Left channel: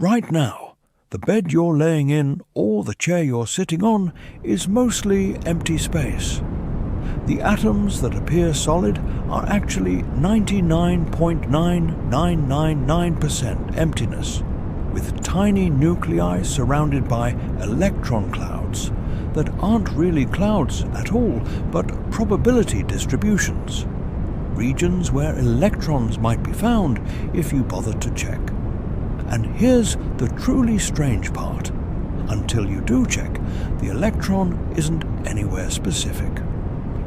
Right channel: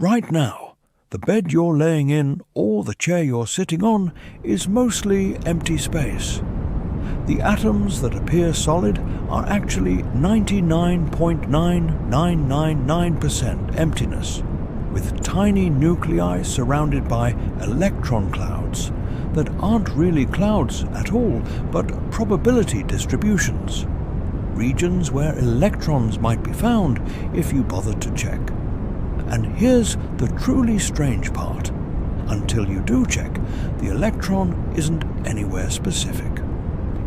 Right now, the bed you're laying in or the chair you're sitting on is mostly empty space. The atoms that appear solid are actually 99.9999% emptiness, with tiny nuclei surrounded by electron clouds that aren't really clouds at all, but probability distributions, regions where electrons might be found if you bothered to check. And here's the truly strange part. Until you do check, the electron isn't anywhere specific.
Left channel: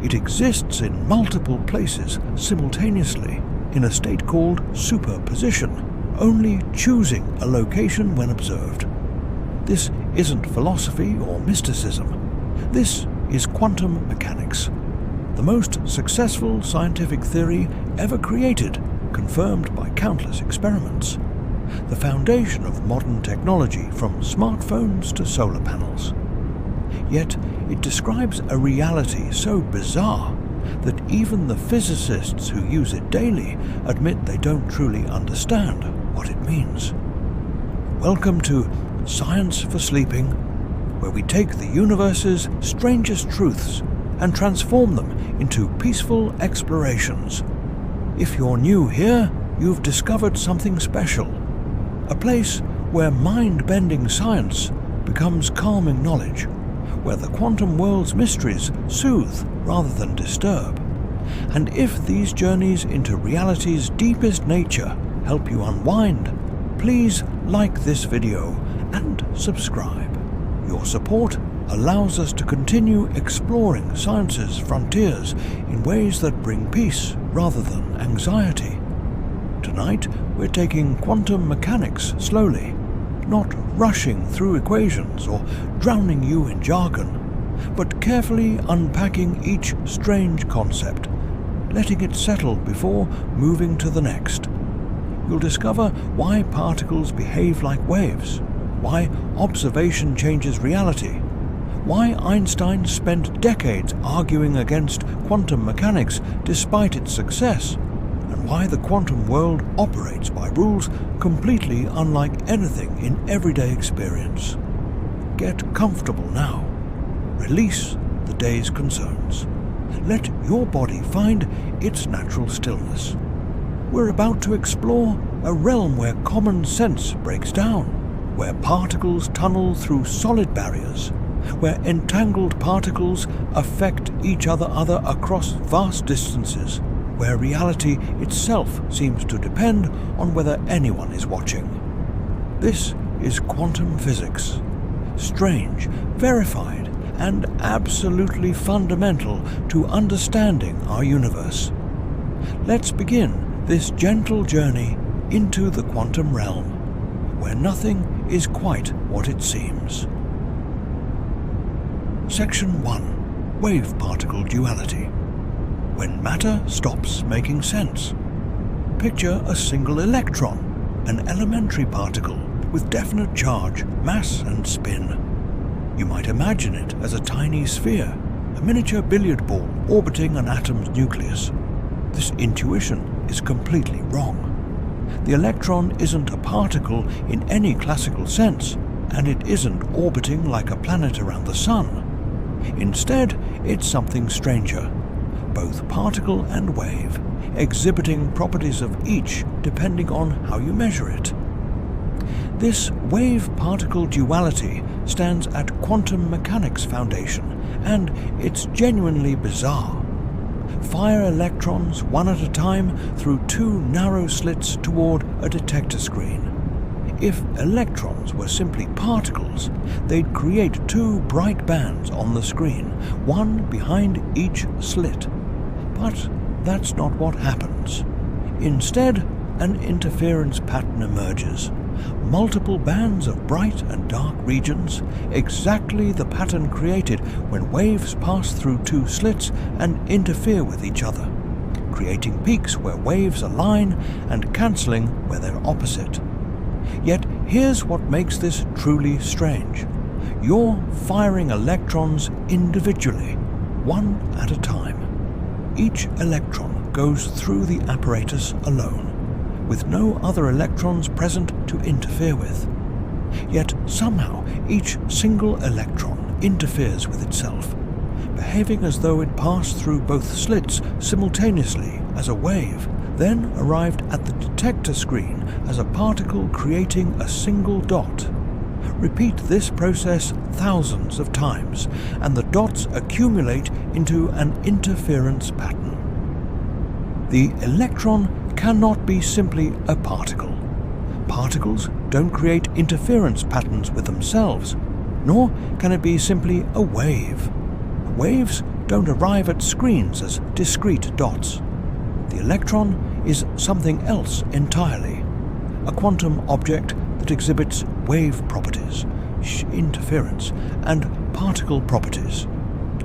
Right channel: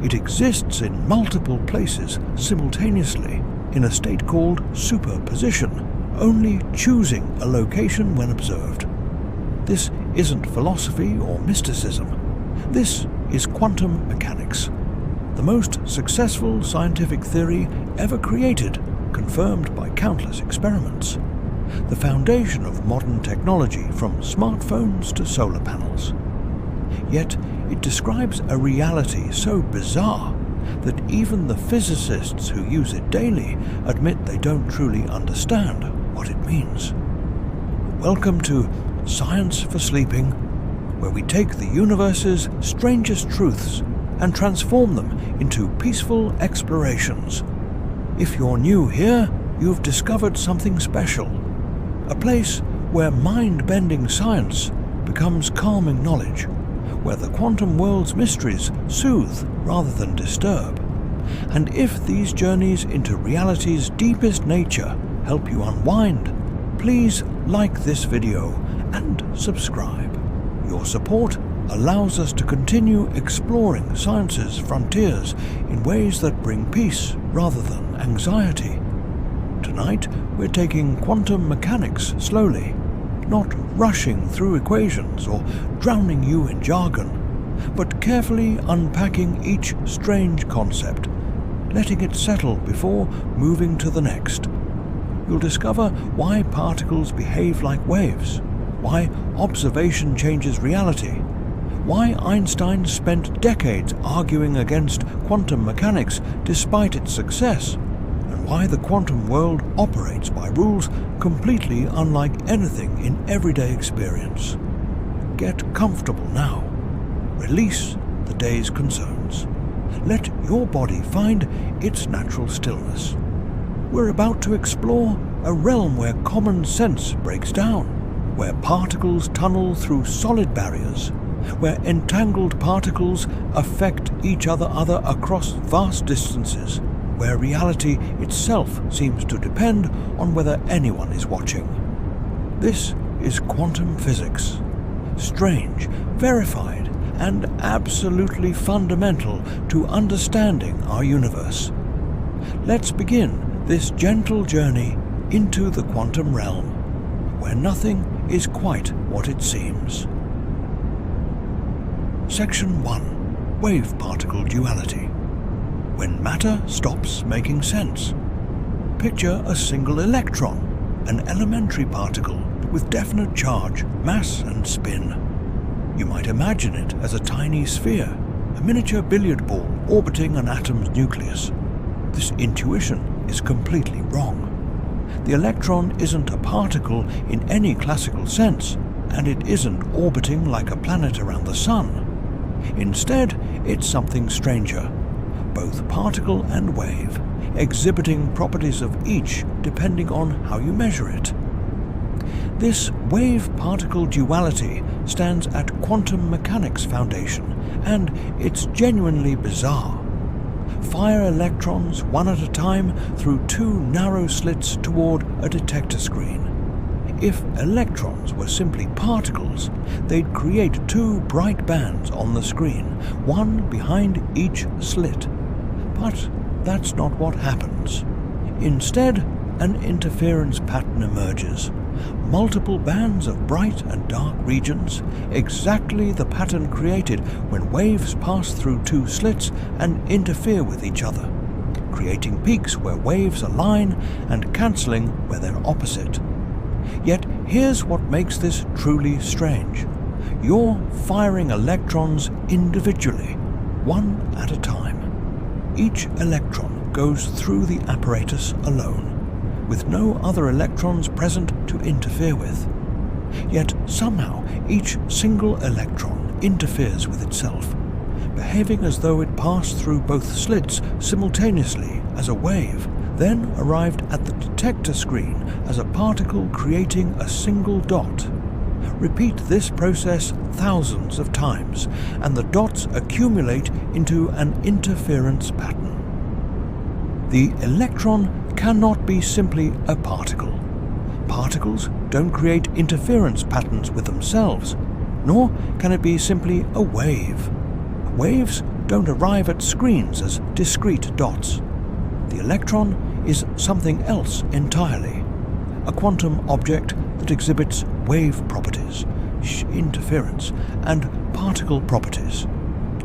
It exists in multiple places simultaneously in a state called superposition, only choosing a location when observed. This isn't philosophy or mysticism. This is quantum mechanics, the most successful scientific theory ever created, confirmed by countless experiments. The foundation of modern technology, from smartphones to solar panels. Yet it describes a reality so bizarre that even the physicists who use it daily admit they don't truly understand what it means. Welcome to Science for Sleeping, where we take the universe's strangest truths and transform them into peaceful explorations. If you're new here, you've discovered something special. A place where mind-bending science becomes calming knowledge, where the quantum world's mysteries soothe rather than disturb. And if these journeys into reality's deepest nature help you unwind, please like this video and subscribe. Your support allows us to continue exploring science's frontiers in ways that bring peace rather than anxiety. Tonight, we're taking quantum mechanics slowly, not rushing through equations or drowning you in jargon, but carefully unpacking each strange concept, letting it settle before moving to the next. You'll discover why particles behave like waves, why observation changes reality, why Einstein spent decades arguing against quantum mechanics despite its success, and why the quantum world operates by rules completely unlike anything in everyday experience. Get comfortable now. Release the day's concerns. Let your body find its natural stillness. We're about to explore a realm where common sense breaks down, where particles tunnel through solid barriers, where entangled particles affect each other across vast distances, where reality itself seems to depend on whether anyone is watching. This is quantum physics. Strange, verified, and absolutely fundamental to understanding our universe. Let's begin this gentle journey into the quantum realm, where nothing is quite what it seems. Section 1. Wave-particle duality. When matter stops making sense. Picture a single electron, an elementary particle with definite charge, mass and spin. You might imagine it as a tiny sphere, a miniature billiard ball orbiting an atom's nucleus. This intuition is completely wrong. The electron isn't a particle in any classical sense, and it isn't orbiting like a planet around the sun. Instead, it's something stranger, both particle and wave, exhibiting properties of each depending on how you measure it. This wave-particle duality stands at quantum mechanics foundation, and it's genuinely bizarre. Fire electrons one at a time through two narrow slits toward a detector screen. If electrons were simply particles, they'd create two bright bands on the screen, one behind each slit. But that's not what happens. Instead, an interference pattern emerges. Multiple bands of bright and dark regions, exactly the pattern created when waves pass through two slits and interfere with each other, creating peaks where waves align and cancelling where they're opposite. Yet here's what makes this truly strange. You're firing electrons individually, one at a time. Each electron goes through the apparatus alone, with no other electrons present to interfere with. Yet somehow each single electron interferes with itself, behaving as though it passed through both slits simultaneously as a wave, then arrived at the detector screen as a particle creating a single dot. Repeat this process thousands of times, and the dots accumulate into an interference pattern. The electron cannot be simply a particle. Particles don't create interference patterns with themselves, nor can it be simply a wave. Waves don't arrive at screens as discrete dots. The electron is something else entirely, a quantum object that exhibits wave properties, interference, and particle properties,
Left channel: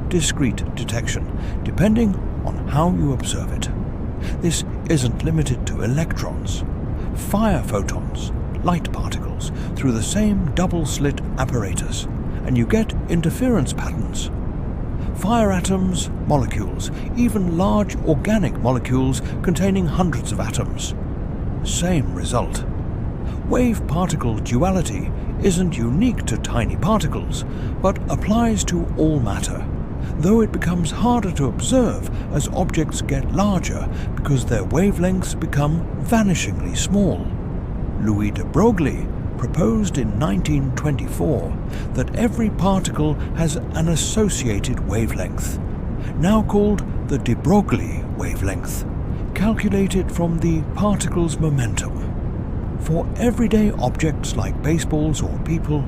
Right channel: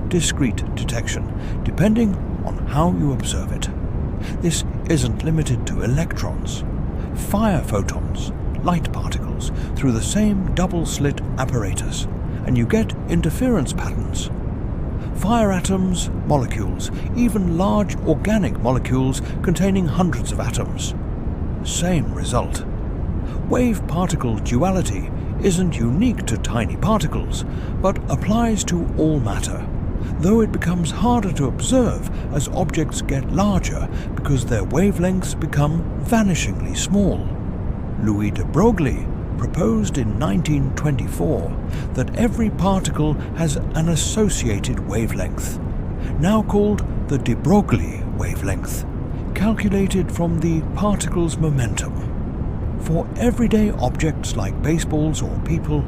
discrete detection, depending on how you observe it. This isn't limited to electrons. Fire photons, light particles, through the same double-slit apparatus, and you get interference patterns. Fire atoms, molecules, even large organic molecules containing hundreds of atoms. Same result. Wave-particle duality isn't unique to tiny particles, but applies to all matter, though it becomes harder to observe as objects get larger because their wavelengths become vanishingly small. Louis de Broglie proposed in 1924 that every particle has an associated wavelength, now called the de Broglie wavelength, calculated from the particle's momentum. For everyday objects like baseballs or people,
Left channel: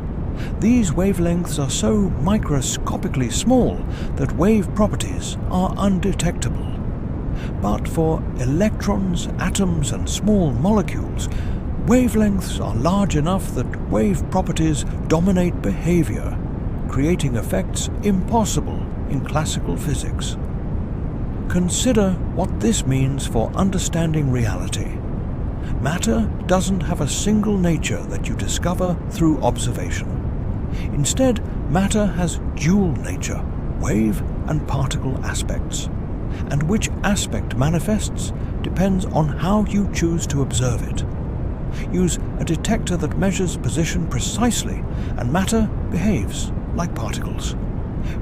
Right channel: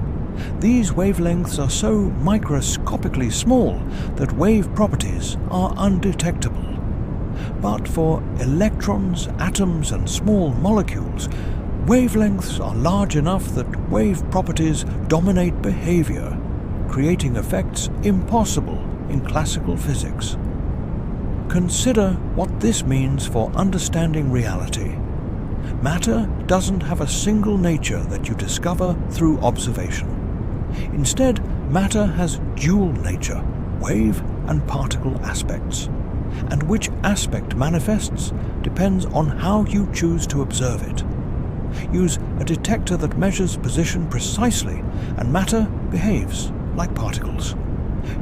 these wavelengths are so microscopically small that wave properties are undetectable. But for electrons, atoms, and small molecules, wavelengths are large enough that wave properties dominate behavior, creating effects impossible in classical physics. Consider what this means for understanding reality. Matter doesn't have a single nature that you discover through observation. Instead, matter has dual nature, wave and particle aspects, and which aspect manifests depends on how you choose to observe it. Use a detector that measures position precisely, and matter behaves like particles.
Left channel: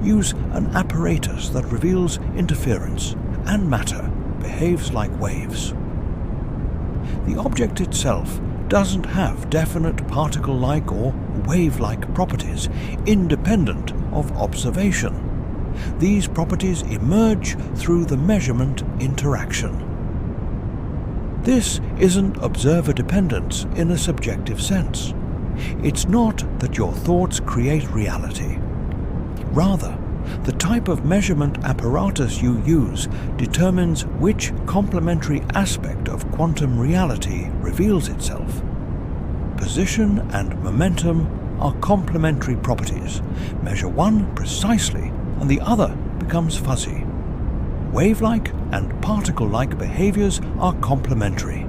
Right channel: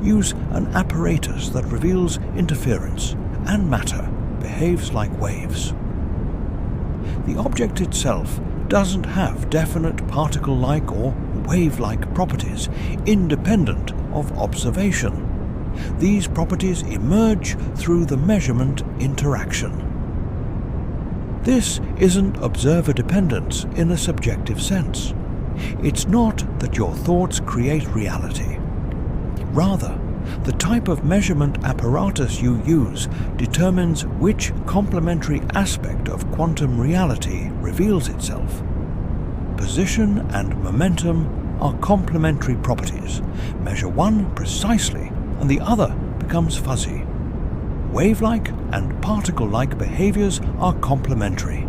Use an apparatus that reveals interference, and matter behaves like waves. The object itself doesn't have definite particle-like or wave-like properties independent of observation. These properties emerge through the measurement interaction. This isn't observer dependence in a subjective sense. It's not that your thoughts create reality. Rather, the type of measurement apparatus you use determines which complementary aspect of quantum reality reveals itself. Position and momentum are complementary properties. Measure one precisely, and the other becomes fuzzy. Wave-like and particle-like behaviors are complementary.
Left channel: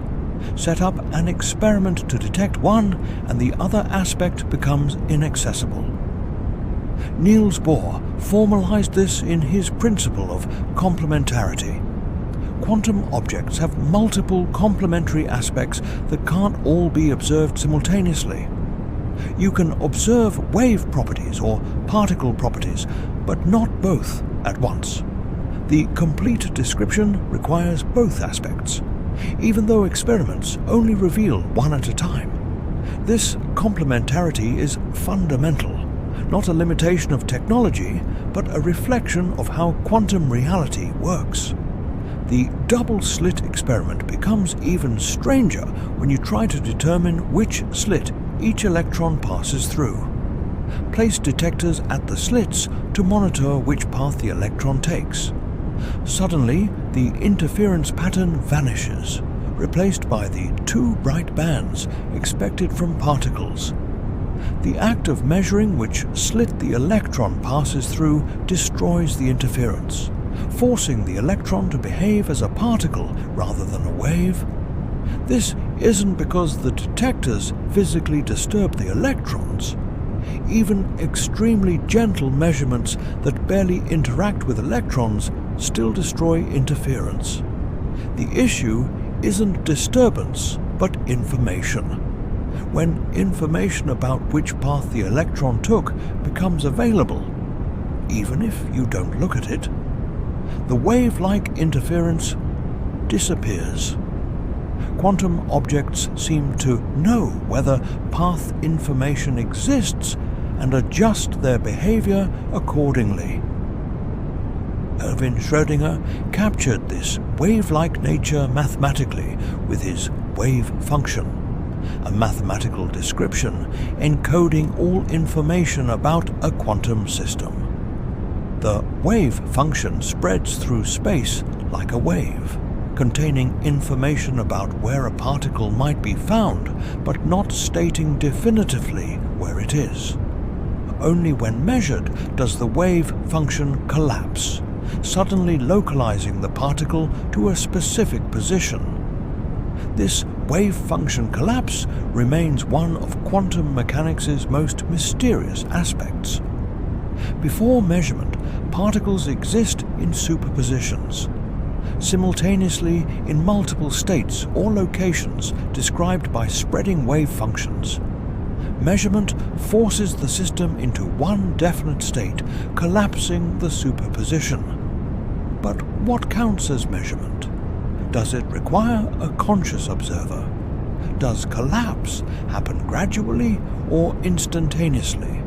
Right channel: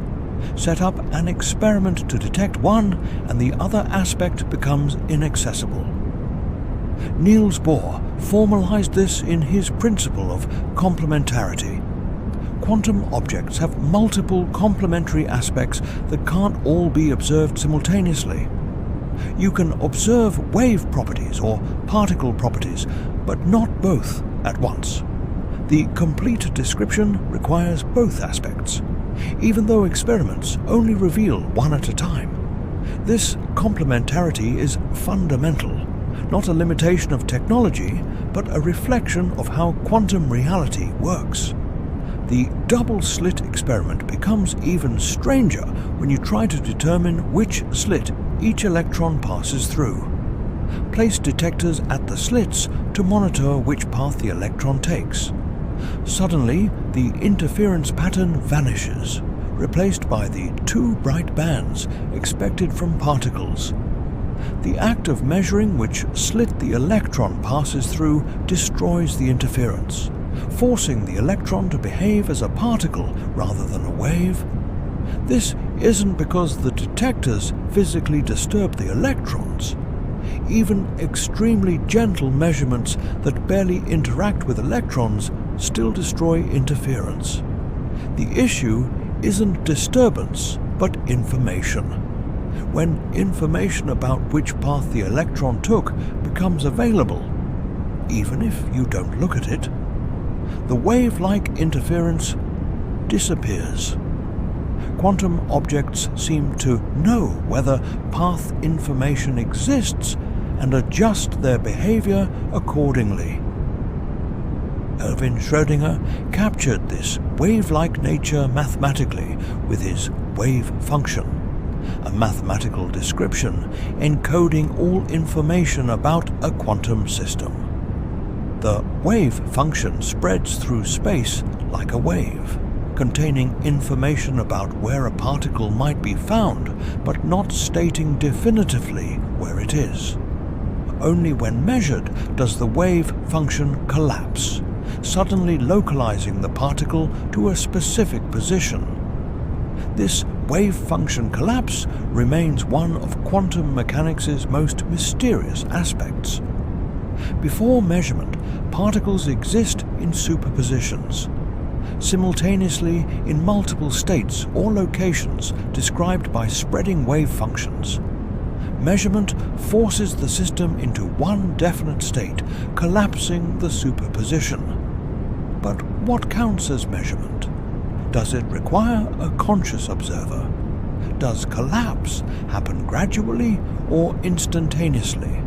Set up an experiment to detect one, and the other aspect becomes inaccessible. Niels Bohr formalized this in his principle of complementarity. Quantum objects have multiple complementary aspects that can't all be observed simultaneously. You can observe wave properties or particle properties, but not both at once. The complete description requires both aspects, even though experiments only reveal one at a time. This complementarity is fundamental, not a limitation of technology, but a reflection of how quantum reality works. The double-slit experiment becomes even stranger when you try to determine which slit each electron passes through. Place detectors at the slits to monitor which path the electron takes. Suddenly, the interference pattern vanishes, replaced by the two bright bands expected from particles. The act of measuring which slit the electron passes through destroys the interference, forcing the electron to behave as a particle rather than a wave. This isn't because the detectors physically disturb the electrons. Even extremely gentle measurements that barely interact with electrons still destroy interference. The issue isn't disturbance, but information. when information about which path the electron took becomes available, even if you don't look at it, the wave-like interference disappears. Quantum objects seem to know whether path information exists and adjust their behavior accordingly. Schrödinger captured this wave-like nature mathematically with his wave function, a mathematical description encoding all information about a quantum system. The wave function spreads through space like a wave, containing information about where a particle might be found, but not stating definitively where it is. Only when measured does the wave function collapse, suddenly localizing the particle to a specific position. This wave function collapse remains one of quantum mechanics' most mysterious aspects. Before measurement, particles exist in superpositions, simultaneously in multiple states or locations described by spreading wave functions. Measurement forces the system into one definite state, collapsing the superposition. But what counts as measurement? Does it require a conscious observer? Does collapse happen gradually or instantaneously?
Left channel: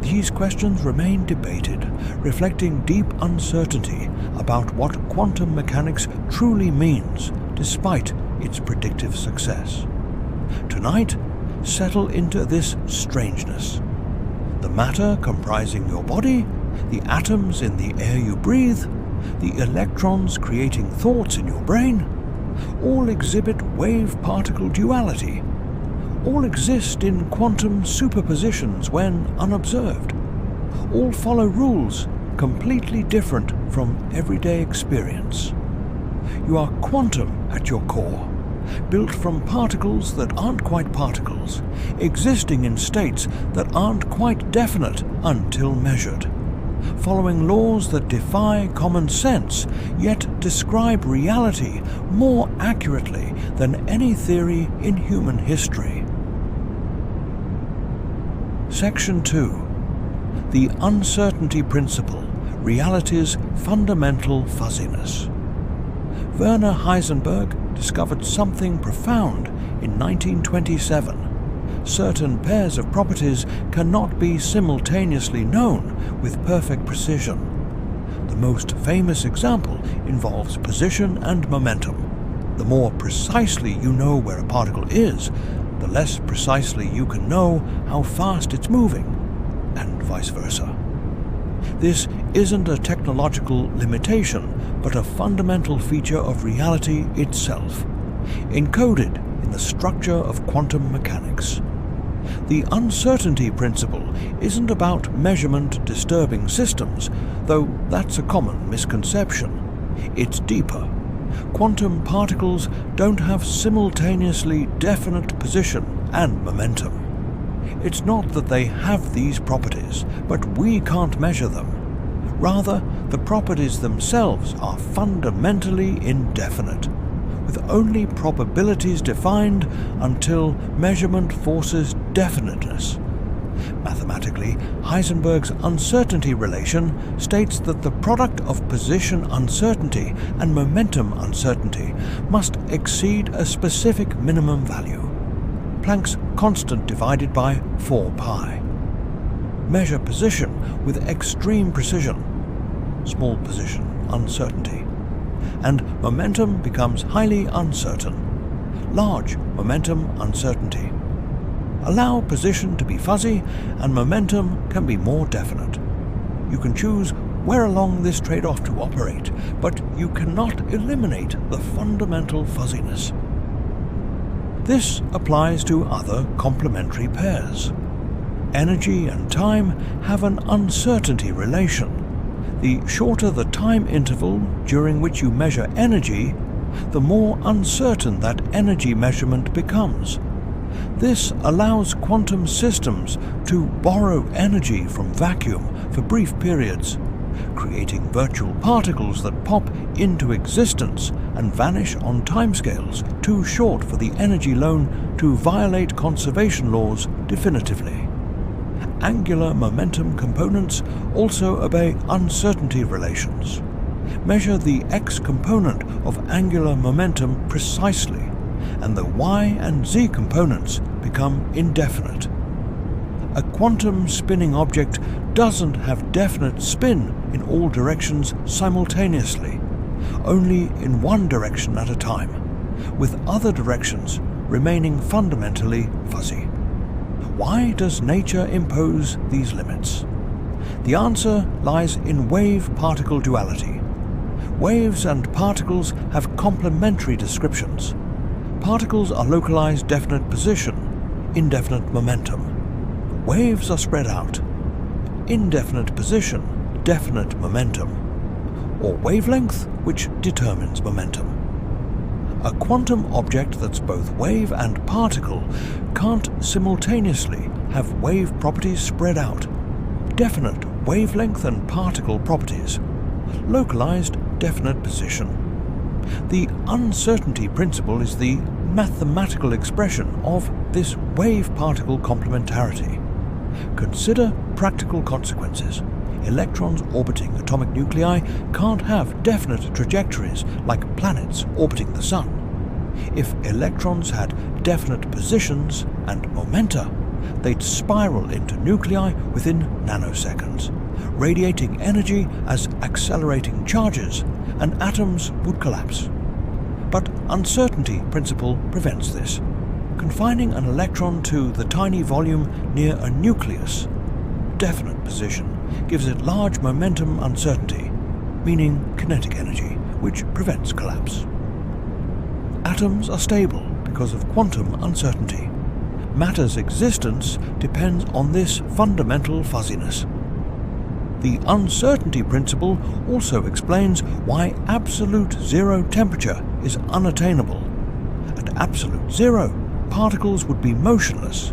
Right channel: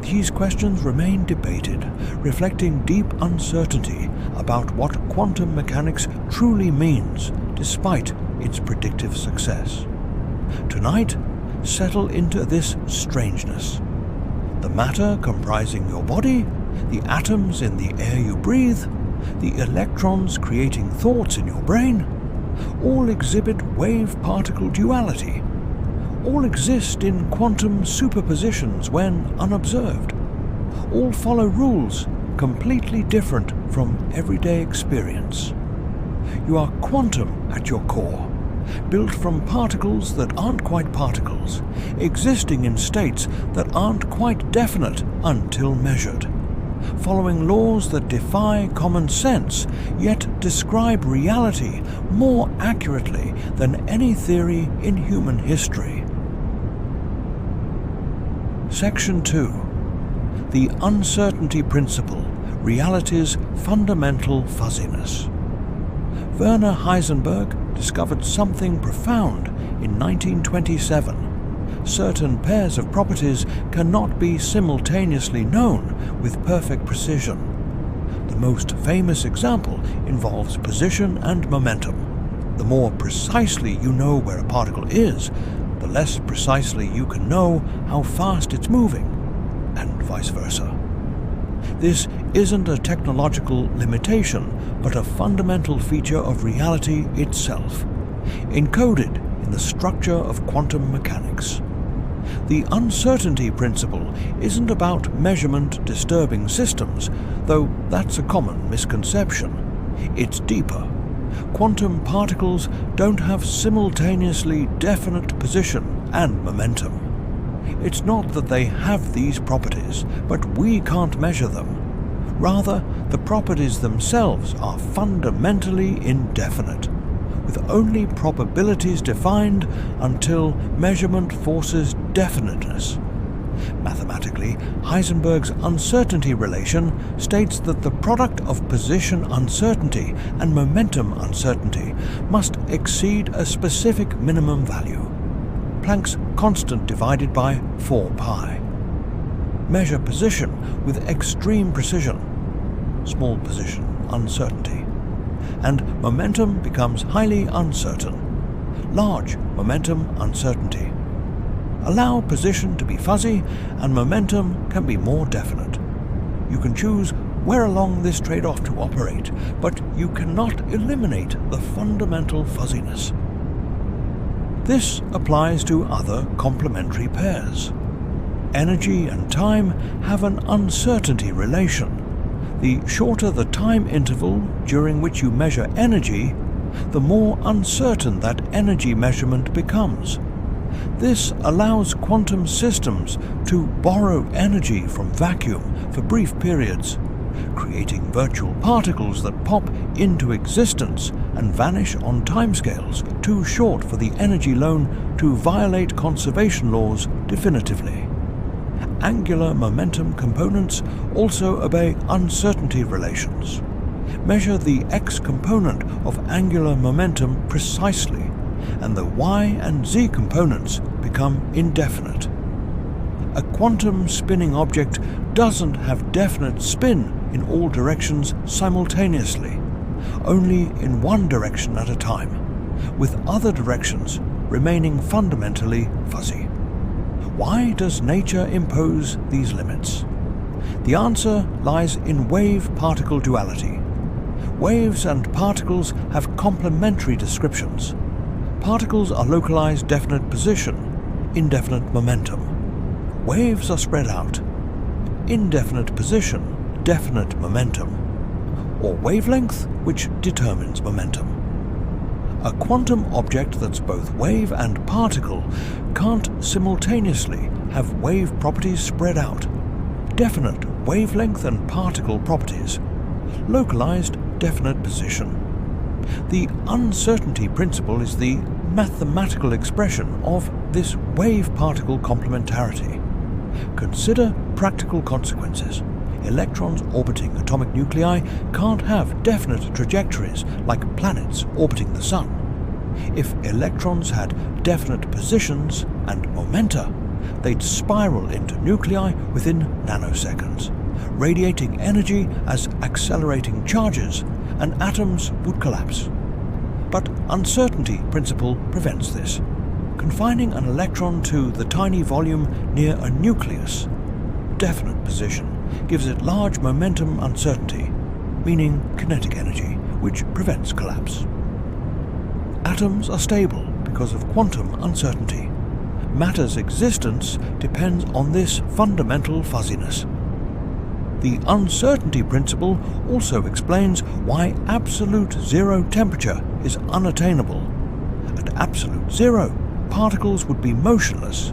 These questions remain debated, reflecting deep uncertainty about what quantum mechanics truly means, despite its predictive success. Tonight, settle into this strangeness. The matter comprising your body, the atoms in the air you breathe, the electrons creating thoughts in your brain, all exhibit wave-particle duality. All exist in quantum superpositions when unobserved. All follow rules completely different from everyday experience. You are quantum at your core, built from particles that aren't quite particles, existing in states that aren't quite definite until measured, following laws that defy common sense, yet describe reality more accurately than any theory in human history. Section 2. The Uncertainty Principle, Reality's Fundamental Fuzziness. Werner Heisenberg discovered something profound in 1927. Certain pairs of properties cannot be simultaneously known with perfect precision. The most famous example involves position and momentum. The more precisely you know where a particle is, the less precisely you can know how fast it's moving, and vice versa. This isn't a technological limitation, but a fundamental feature of reality itself, encoded in the structure of quantum mechanics. The uncertainty principle isn't about measurement disturbing systems, though that's a common misconception. It's deeper. Quantum particles don't have simultaneously definite position and momentum. It's not that they have these properties, but we can't measure them. Rather, the properties themselves are fundamentally indefinite, with only probabilities defined until measurement forces definiteness. Mathematically, Heisenberg's uncertainty relation states that the product of position uncertainty and momentum uncertainty must exceed a specific minimum value, Planck's constant divided by 4 pi. Measure position with extreme precision, small position uncertainty, and momentum becomes highly uncertain, large momentum uncertainty. Allow position to be fuzzy and momentum can be more definite. You can choose where along this trade-off to operate, but you cannot eliminate the fundamental fuzziness. This applies to other complementary pairs. Energy and time have an uncertainty relation. The shorter the time interval during which you measure energy, the more uncertain that energy measurement becomes. This allows quantum systems to borrow energy from vacuum for brief periods, creating virtual particles that pop into existence and vanish on timescales too short for the energy loan to violate conservation laws definitively. Angular momentum components also obey uncertainty relations. Measure the x component of angular momentum precisely, and the y and z components become indefinite. A quantum spinning object doesn't have definite spin in all directions simultaneously, only in one direction at a time, with other directions remaining fundamentally fuzzy. Why does nature impose these limits? The answer lies in wave-particle duality. Waves and particles have complementary descriptions. Particles are localized definite position, indefinite momentum. Waves are spread out, indefinite position, definite momentum, or wavelength, which determines momentum. A quantum object that's both wave and particle can't simultaneously have wave properties spread out, definite wavelength and particle properties, localized definite position. The uncertainty principle is the mathematical expression of this wave-particle complementarity. Consider practical consequences. Electrons orbiting atomic nuclei can't have definite trajectories like planets orbiting the Sun. If electrons had definite positions and momenta, they'd spiral into nuclei within nanoseconds, radiating energy as accelerating charges, and atoms would collapse. But uncertainty principle prevents this. Confining an electron to the tiny volume near a nucleus, definite position, gives it large momentum uncertainty, meaning kinetic energy, which prevents collapse. Atoms are stable because of quantum uncertainty. Matter's existence depends on this fundamental fuzziness. The uncertainty principle also explains why absolute zero temperature is unattainable. At absolute zero, particles would be motionless,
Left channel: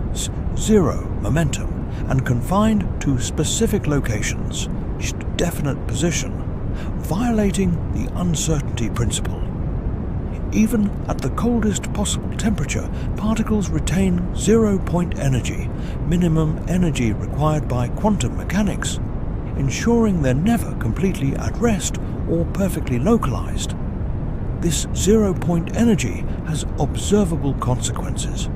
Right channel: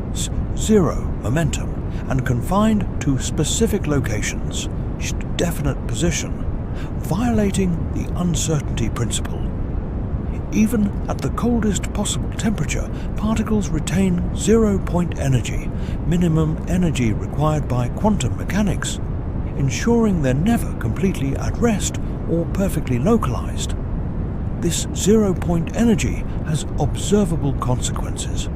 zero momentum, and confined to specific locations, definite position, violating the uncertainty principle. Even at the coldest possible temperature, particles retain zero-point energy, minimum energy required by quantum mechanics, ensuring they're never completely at rest or perfectly localized. This zero-point energy has observable consequences.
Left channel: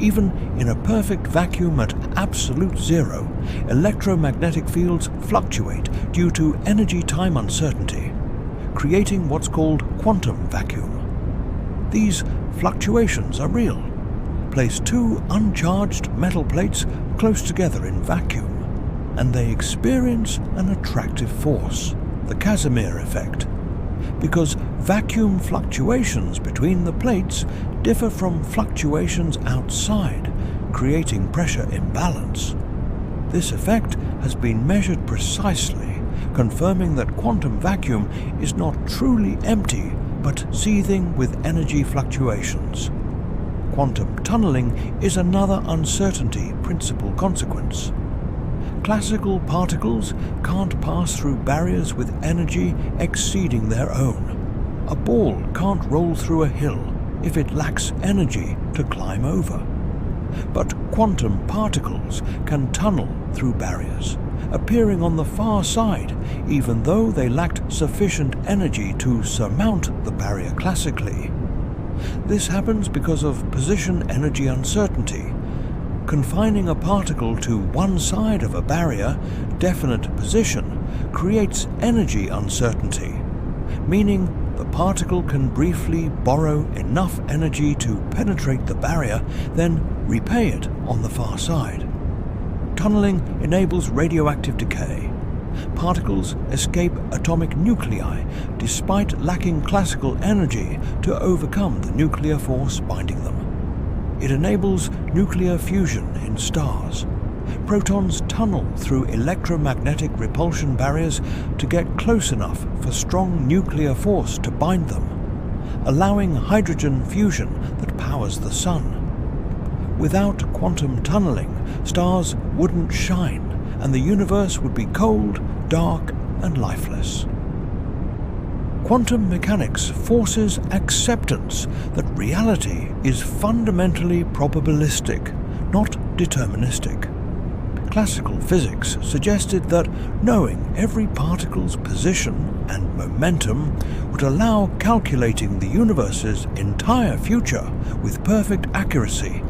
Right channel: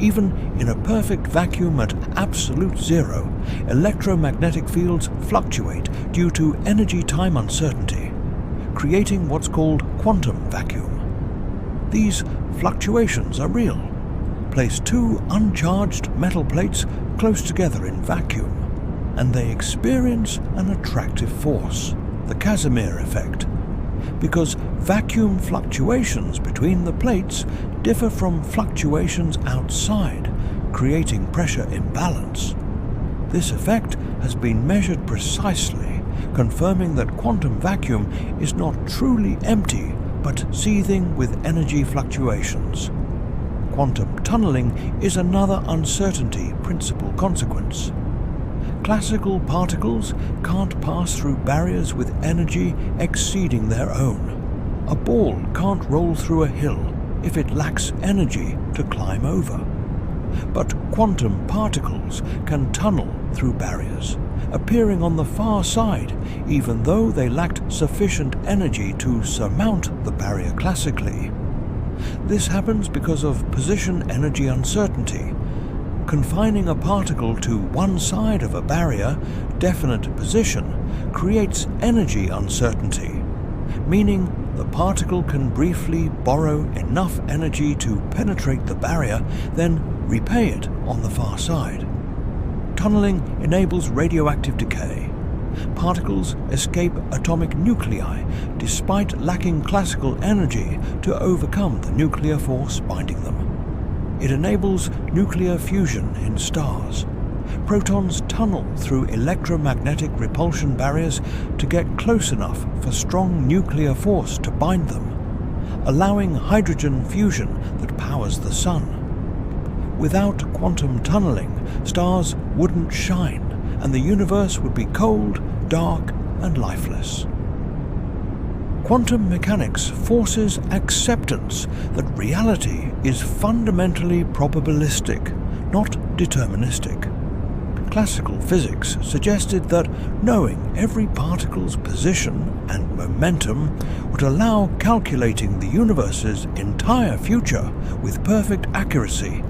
Even in a perfect vacuum at absolute zero, electromagnetic fields fluctuate due to energy-time uncertainty, creating what's called quantum vacuum. These fluctuations are real. Place two uncharged metal plates close together in vacuum, and they experience an attractive force, the Casimir effect, because vacuum fluctuations between the plates differ from fluctuations outside, creating pressure imbalance. This effect has been measured precisely, confirming that quantum vacuum is not truly empty but seething with energy fluctuations. Quantum tunneling is another uncertainty principle consequence. Classical particles can't pass through barriers with energy exceeding their own. A ball can't roll through a hill if it lacks energy to climb over. But quantum particles can tunnel through barriers, appearing on the far side even though they lacked sufficient energy to surmount the barrier classically. This happens because of position energy uncertainty. Confining a particle to one side of a barrier, definite position, creates energy uncertainty, meaning the particle can briefly borrow enough energy to penetrate the barrier, then repay it on the far side. Tunneling enables radioactive decay. Particles escape atomic nuclei despite lacking classical energy to overcome the nuclear force binding them. It enables nuclear fusion in stars. Protons tunnel through electromagnetic repulsion barriers to get close enough for strong nuclear force to bind them, allowing hydrogen fusion that powers the Sun. Without quantum tunneling, stars wouldn't shine, and the universe would be cold, dark, and lifeless. Quantum mechanics forces acceptance that reality is fundamentally probabilistic, not deterministic. Classical physics suggested that knowing every particle's position and momentum would allow calculating the universe's entire future with perfect accuracy,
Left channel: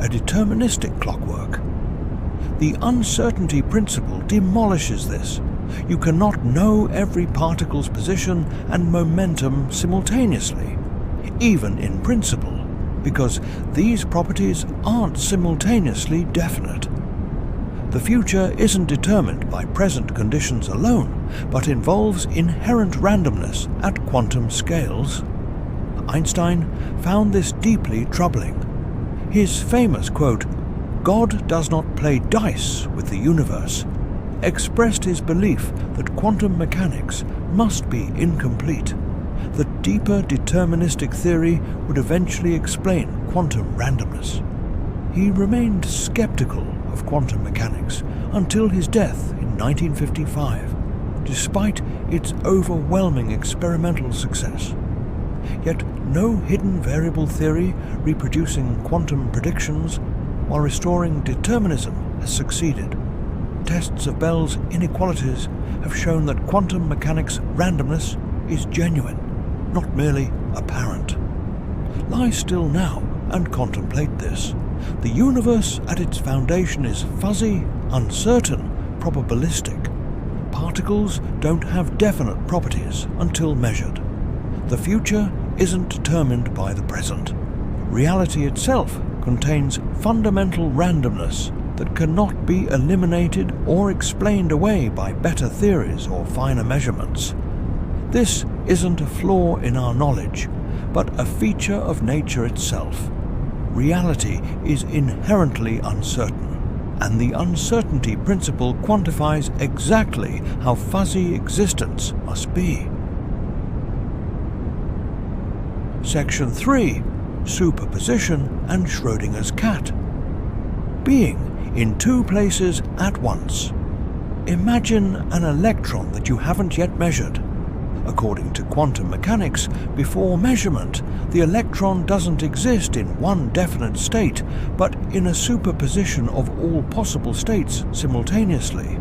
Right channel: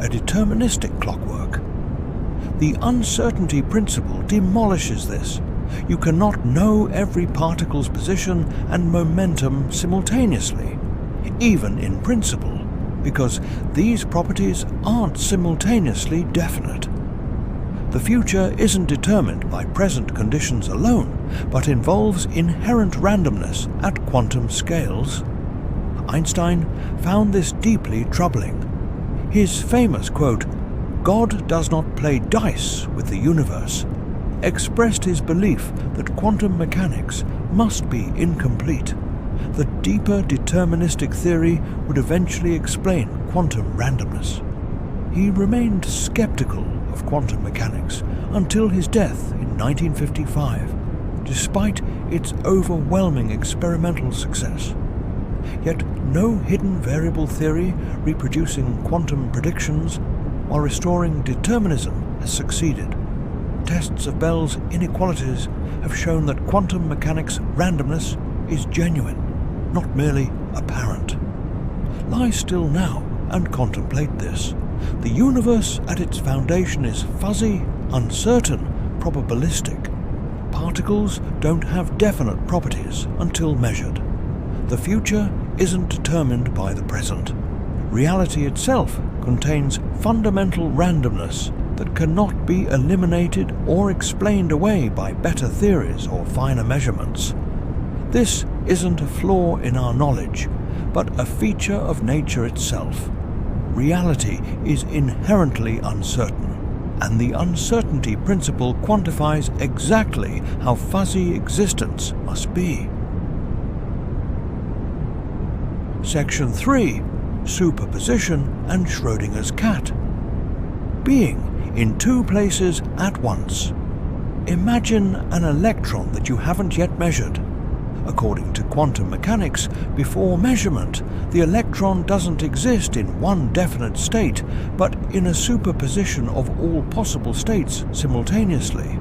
a deterministic clockwork. The uncertainty principle demolishes this. You cannot know every particle's position and momentum simultaneously, even in principle, because these properties aren't simultaneously definite. The future isn't determined by present conditions alone, but involves inherent randomness at quantum scales. Einstein found this deeply troubling. His famous quote, "God does not play dice with the universe," expressed his belief that quantum mechanics must be incomplete. The deeper deterministic theory would eventually explain quantum randomness. He remained skeptical of quantum mechanics until his death in 1955, despite its overwhelming experimental success. Yet no hidden variable theory reproducing quantum predictions while restoring determinism has succeeded. Tests of Bell's inequalities have shown that quantum mechanics' randomness is genuine, not merely apparent. Lie still now and contemplate this. The universe at its foundation is fuzzy, uncertain, probabilistic. Particles don't have definite properties until measured. The future isn't determined by the present. Reality itself contains fundamental randomness that cannot be eliminated or explained away by better theories or finer measurements. This isn't a flaw in our knowledge, but a feature of nature itself. Reality is inherently uncertain, and the uncertainty principle quantifies exactly how fuzzy existence must be. Section 3. Superposition and Schrödinger's cat. Being in two places at once. Imagine an electron that you haven't yet measured. According to quantum mechanics, before measurement, the electron doesn't exist in one definite state, but in a superposition of all possible states simultaneously.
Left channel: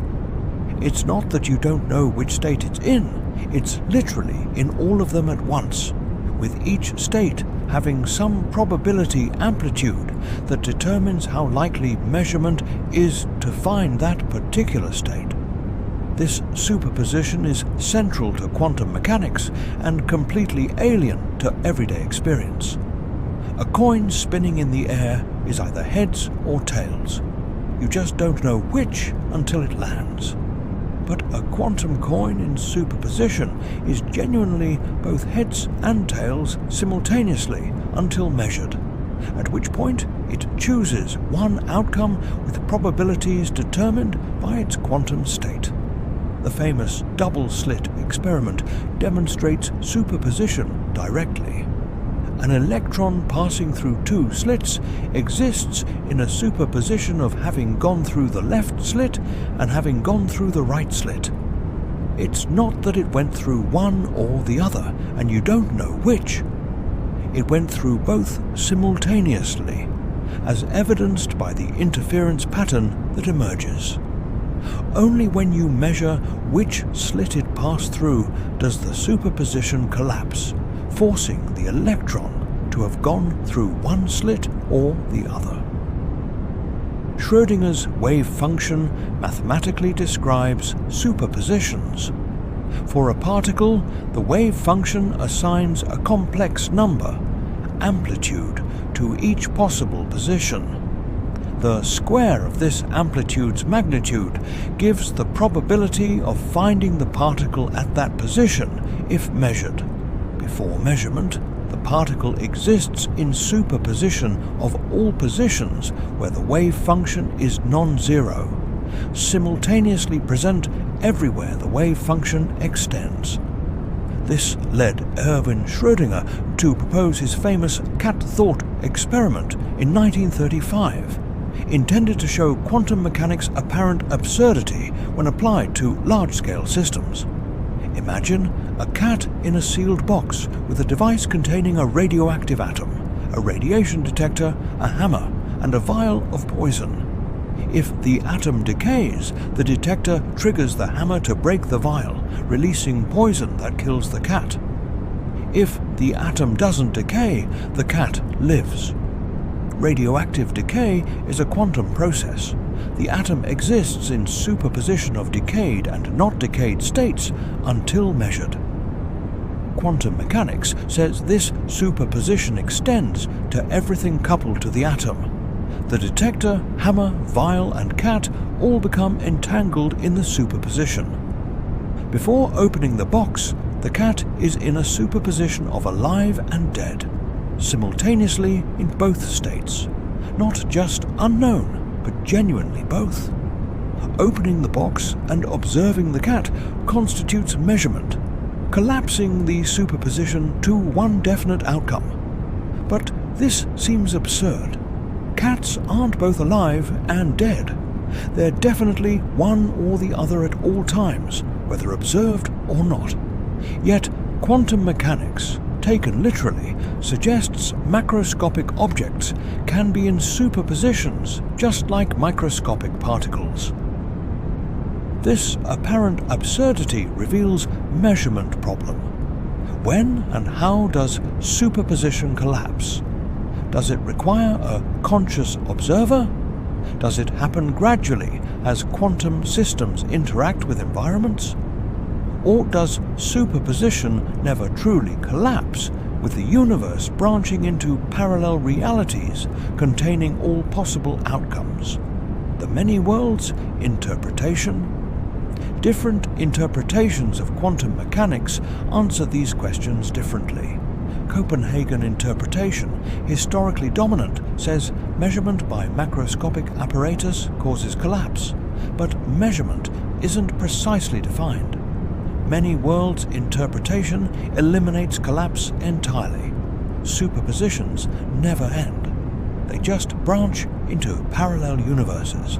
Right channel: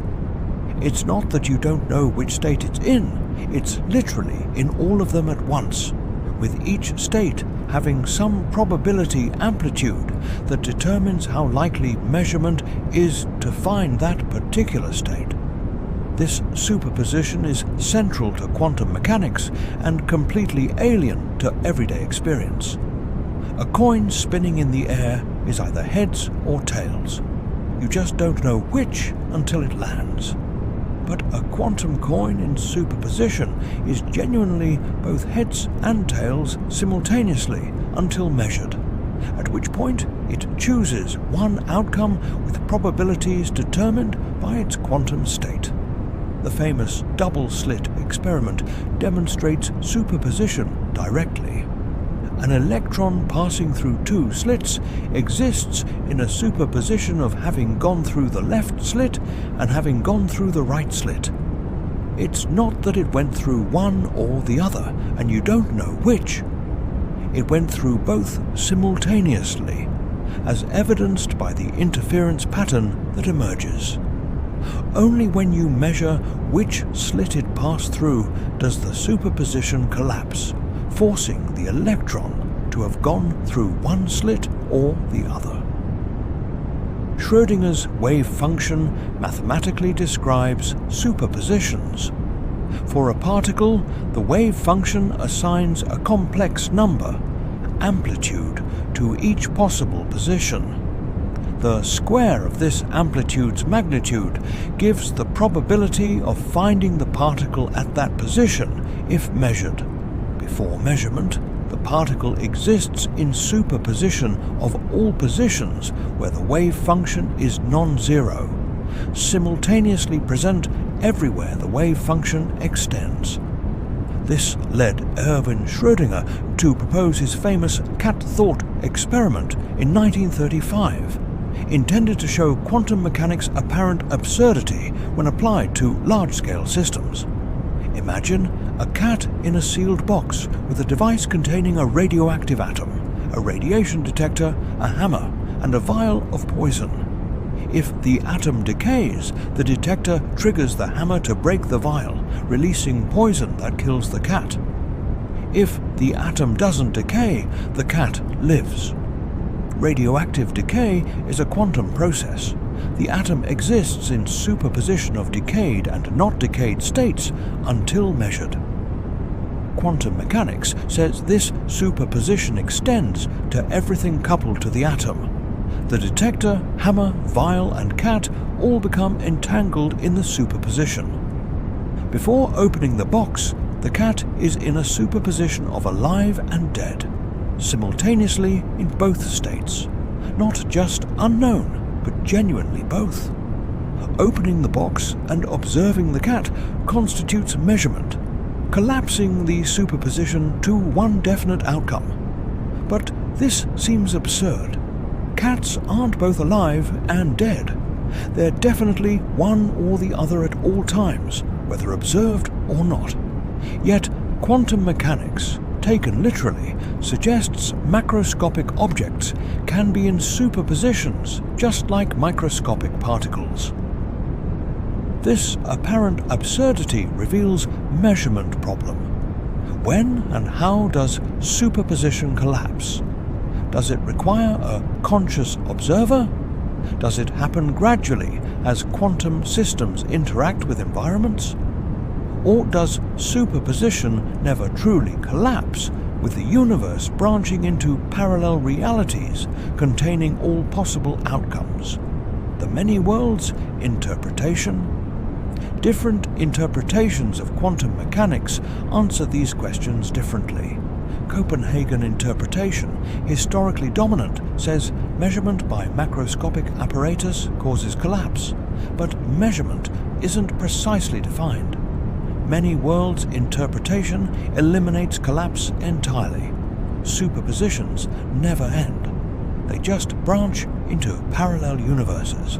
It's not that you don't know which state it's in, it's literally in all of them at once, with each state having some probability amplitude that determines how likely measurement is to find that particular state. This superposition is central to quantum mechanics and completely alien to everyday experience. A coin spinning in the air is either heads or tails. You just don't know which until it lands. But a quantum coin in superposition is genuinely both heads and tails simultaneously until measured, at which point it chooses one outcome with probabilities determined by its quantum state. The famous double-slit experiment demonstrates superposition directly. An electron passing through two slits exists in a superposition of having gone through the left slit and having gone through the right slit. It's not that it went through one or the other, and you don't know which. It went through both simultaneously, as evidenced by the interference pattern that emerges. Only when you measure which slit it passed through does the superposition collapse, forcing the electron to have gone through one slit or the other. Schrödinger's wave function mathematically describes superpositions. For a particle, the wave function assigns a complex number, amplitude, to each possible position. The square of this amplitude's magnitude gives the probability of finding the particle at that position if measured. Before measurement, the particle exists in superposition of all positions where the wave function is non-zero, simultaneously present everywhere the wave function extends. This led Erwin Schrödinger to propose his famous cat thought experiment in 1935. intended to show quantum mechanics' apparent absurdity when applied to large-scale systems. Imagine a cat in a sealed box with a device containing a radioactive atom, a radiation detector, a hammer, and a vial of poison. If the atom decays, the detector triggers the hammer to break the vial, releasing poison that kills the cat. If the atom doesn't decay, the cat lives. Radioactive decay is a quantum process. The atom exists in superposition of decayed and not decayed states until measured. Quantum mechanics says this superposition extends to everything coupled to the atom. The detector, hammer, vial, and cat all become entangled in the superposition. Before opening the box, the cat is in a superposition of alive and dead, simultaneously in both states, not just unknown, but genuinely both. Opening the box and observing the cat constitutes measurement, collapsing the superposition to one definite outcome. But this seems absurd. Cats aren't both alive and dead. They're definitely one or the other at all times, whether observed or not. Yet quantum mechanics, taken literally, suggests macroscopic objects can be in superpositions just like microscopic particles. This apparent absurdity reveals measurement problem. When and how does superposition collapse? Does it require a conscious observer? Does it happen gradually as quantum systems interact with environments? Or does superposition never truly collapse, with the universe branching into parallel realities containing all possible outcomes? The many worlds interpretation? Different interpretations of quantum mechanics answer these questions differently. Copenhagen interpretation, historically dominant, says measurement by macroscopic apparatus causes collapse, but measurement isn't precisely defined. Many worlds interpretation eliminates collapse entirely. Superpositions never end. They just branch into parallel universes.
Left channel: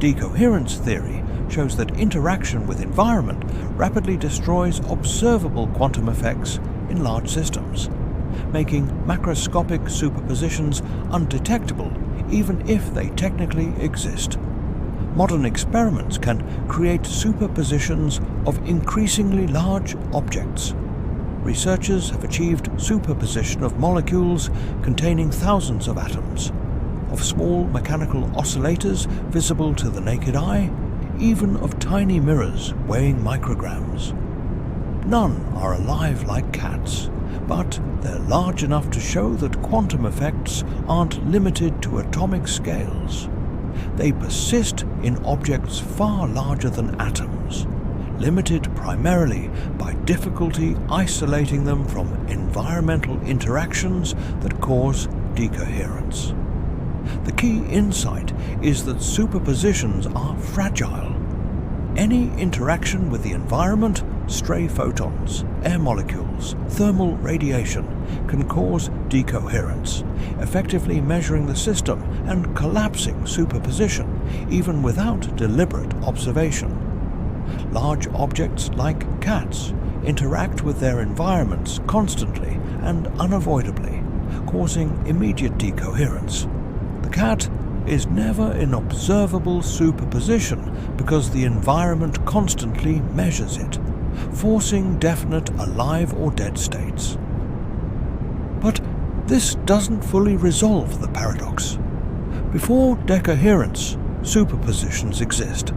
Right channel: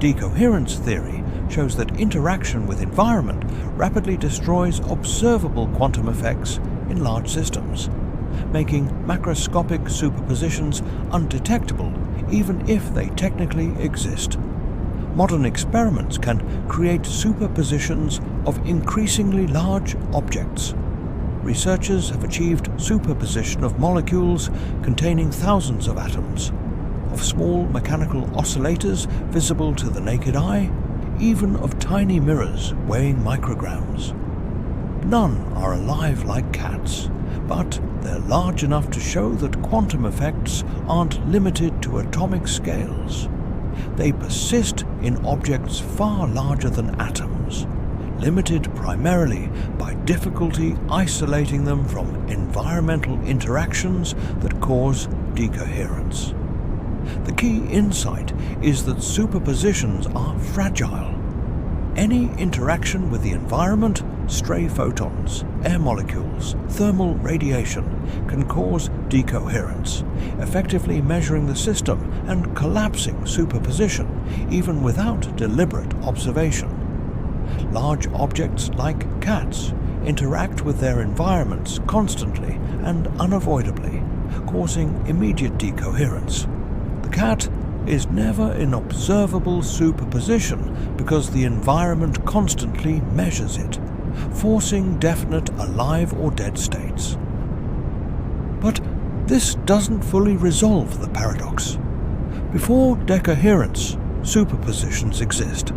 Decoherence theory shows that interaction with environment rapidly destroys observable quantum effects in large systems, making macroscopic superpositions undetectable even if they technically exist. Modern experiments can create superpositions of increasingly large objects. Researchers have achieved superposition of molecules containing thousands of atoms, of small mechanical oscillators visible to the naked eye, even of tiny mirrors weighing micrograms. None are alive like cats, but they're large enough to show that quantum effects aren't limited to atomic scales. They persist in objects far larger than atoms, limited primarily by difficulty isolating them from environmental interactions that cause decoherence. The key insight is that superpositions are fragile. Any interaction with the environment, stray photons, air molecules, thermal radiation, can cause decoherence, effectively measuring the system and collapsing superposition, even without deliberate observation. Large objects like cats interact with their environments constantly and unavoidably, causing immediate decoherence. The cat is never in observable superposition because the environment constantly measures it, forcing definite alive or dead states. But this doesn't fully resolve the paradox. Before decoherence, superpositions exist.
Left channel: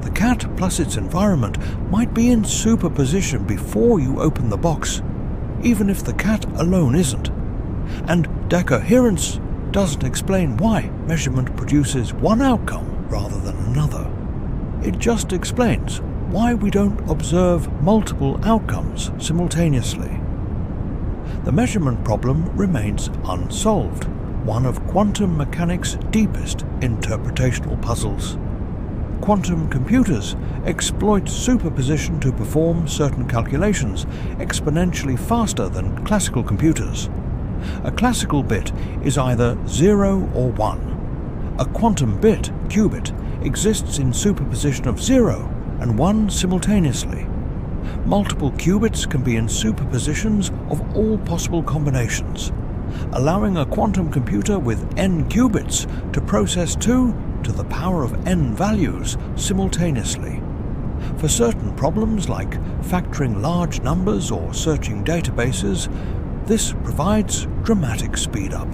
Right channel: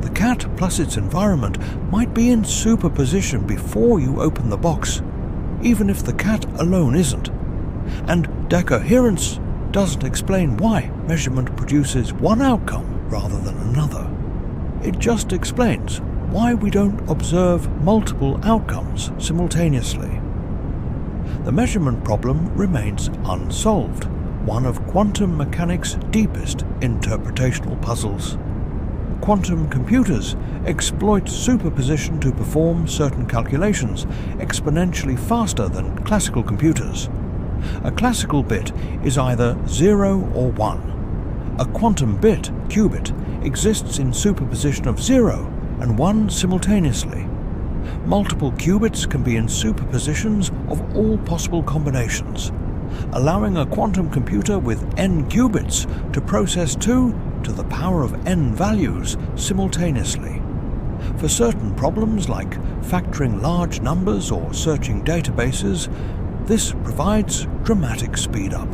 The cat plus its environment might be in superposition before you open the box, even if the cat alone isn't. And decoherence doesn't explain why measurement produces one outcome rather than another. It just explains why we don't observe multiple outcomes simultaneously. The measurement problem remains unsolved, one of quantum mechanics' deepest interpretational puzzles. Quantum computers exploit superposition to perform certain calculations exponentially faster than classical computers. A classical bit is either 0 or 1. A quantum bit, qubit, exists in superposition of 0 and 1 simultaneously. Multiple qubits can be in superpositions of all possible combinations, allowing a quantum computer with n qubits to process 2 to the power of n values simultaneously. For certain problems like factoring large numbers or searching databases, this provides dramatic speed-up.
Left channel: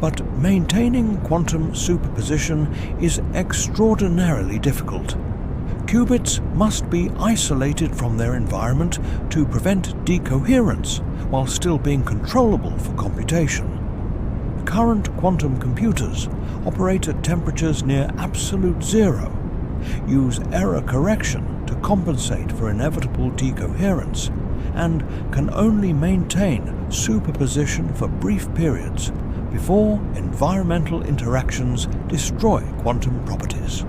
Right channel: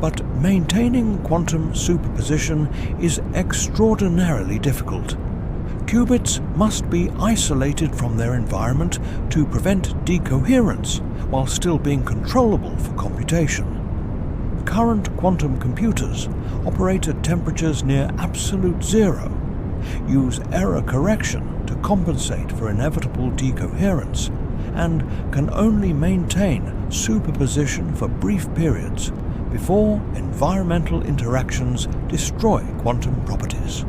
But maintaining quantum superposition is extraordinarily difficult. Qubits must be isolated from their environment to prevent decoherence while still being controllable for computation. Current quantum computers operate at temperatures near absolute zero, use error correction to compensate for inevitable decoherence, and can only maintain superposition for brief periods before environmental interactions destroy quantum properties.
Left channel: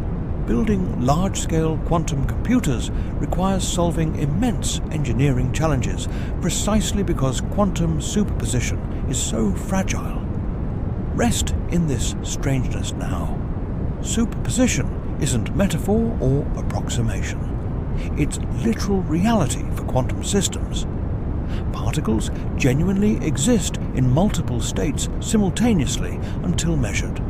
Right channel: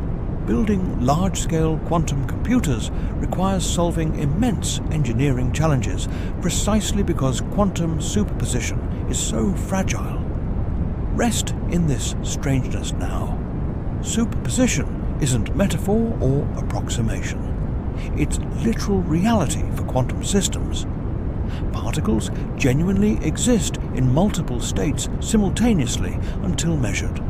Building large-scale quantum computers requires solving immense engineering challenges precisely because quantum superposition is so fragile. Rest in this strangeness now. Superposition isn't metaphor or approximation. It's literal reality for quantum systems. Particles genuinely exist in multiple states simultaneously until measured.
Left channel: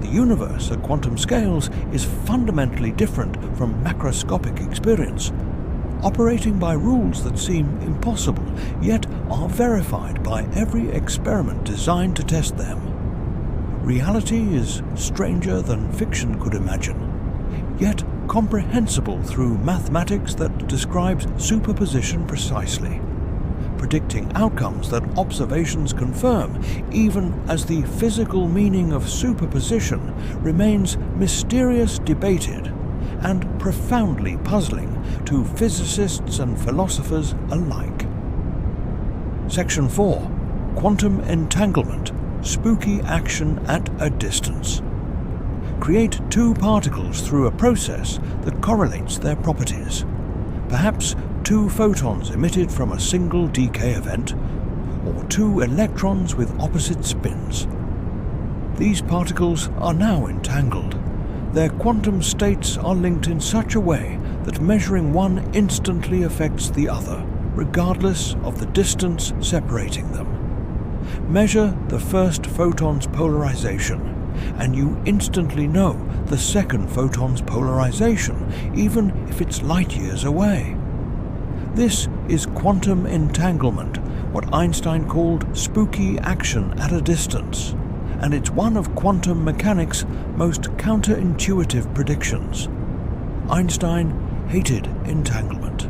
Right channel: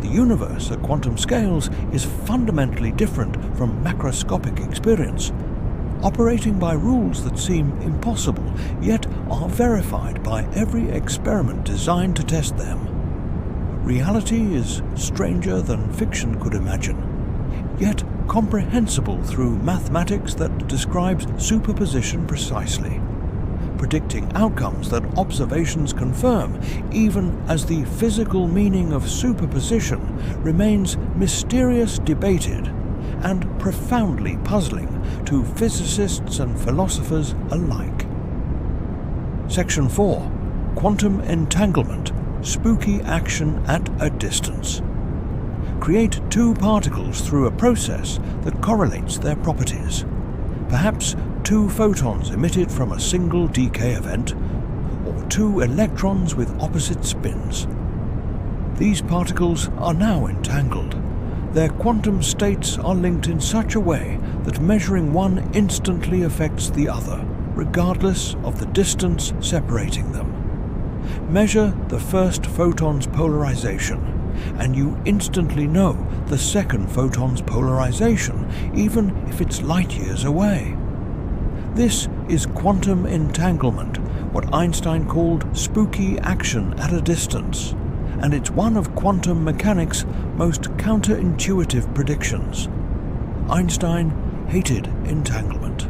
The universe at quantum scales is fundamentally different from macroscopic experience, operating by rules that seem impossible, yet are verified by every experiment designed to test them. Reality is stranger than fiction could imagine, yet comprehensible through mathematics that describes superposition precisely, predicting outcomes that observations confirm, even as the physical meaning of superposition remains mysterious, debated, and profoundly puzzling to physicists and philosophers alike. Section 4. Quantum entanglement. Spooky action at a distance. Create two particles through a process that correlates their properties. Perhaps two photons emitted from a single decay event, or two electrons with opposite spins. These particles are now entangled. Their quantum states are linked in such a way that measuring one instantly affects the other, regardless of the distance separating them. Measure the first photon's polarization, and you instantly know the second photon's polarization, even if it's light years away. This is quantum entanglement, what Einstein called spooky action at a distance, and it's one of quantum mechanics' most counterintuitive predictions. Einstein hated entanglement.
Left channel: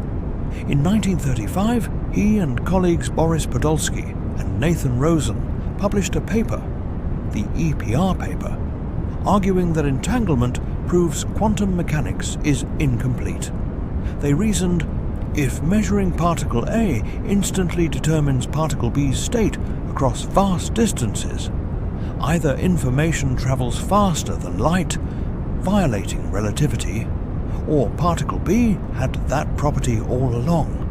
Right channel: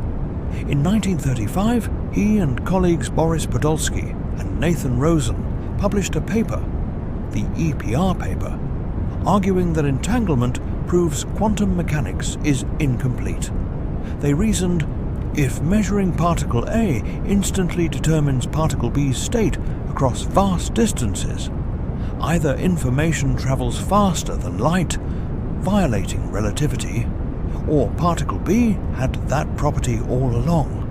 In 1935, he and colleagues Boris Podolsky and Nathan Rosen published a paper, the EPR paper, arguing that entanglement proves quantum mechanics is incomplete. They reasoned, if measuring particle A instantly determines particle B's state across vast distances, either information travels faster than light, violating relativity, or particle B had that property all along,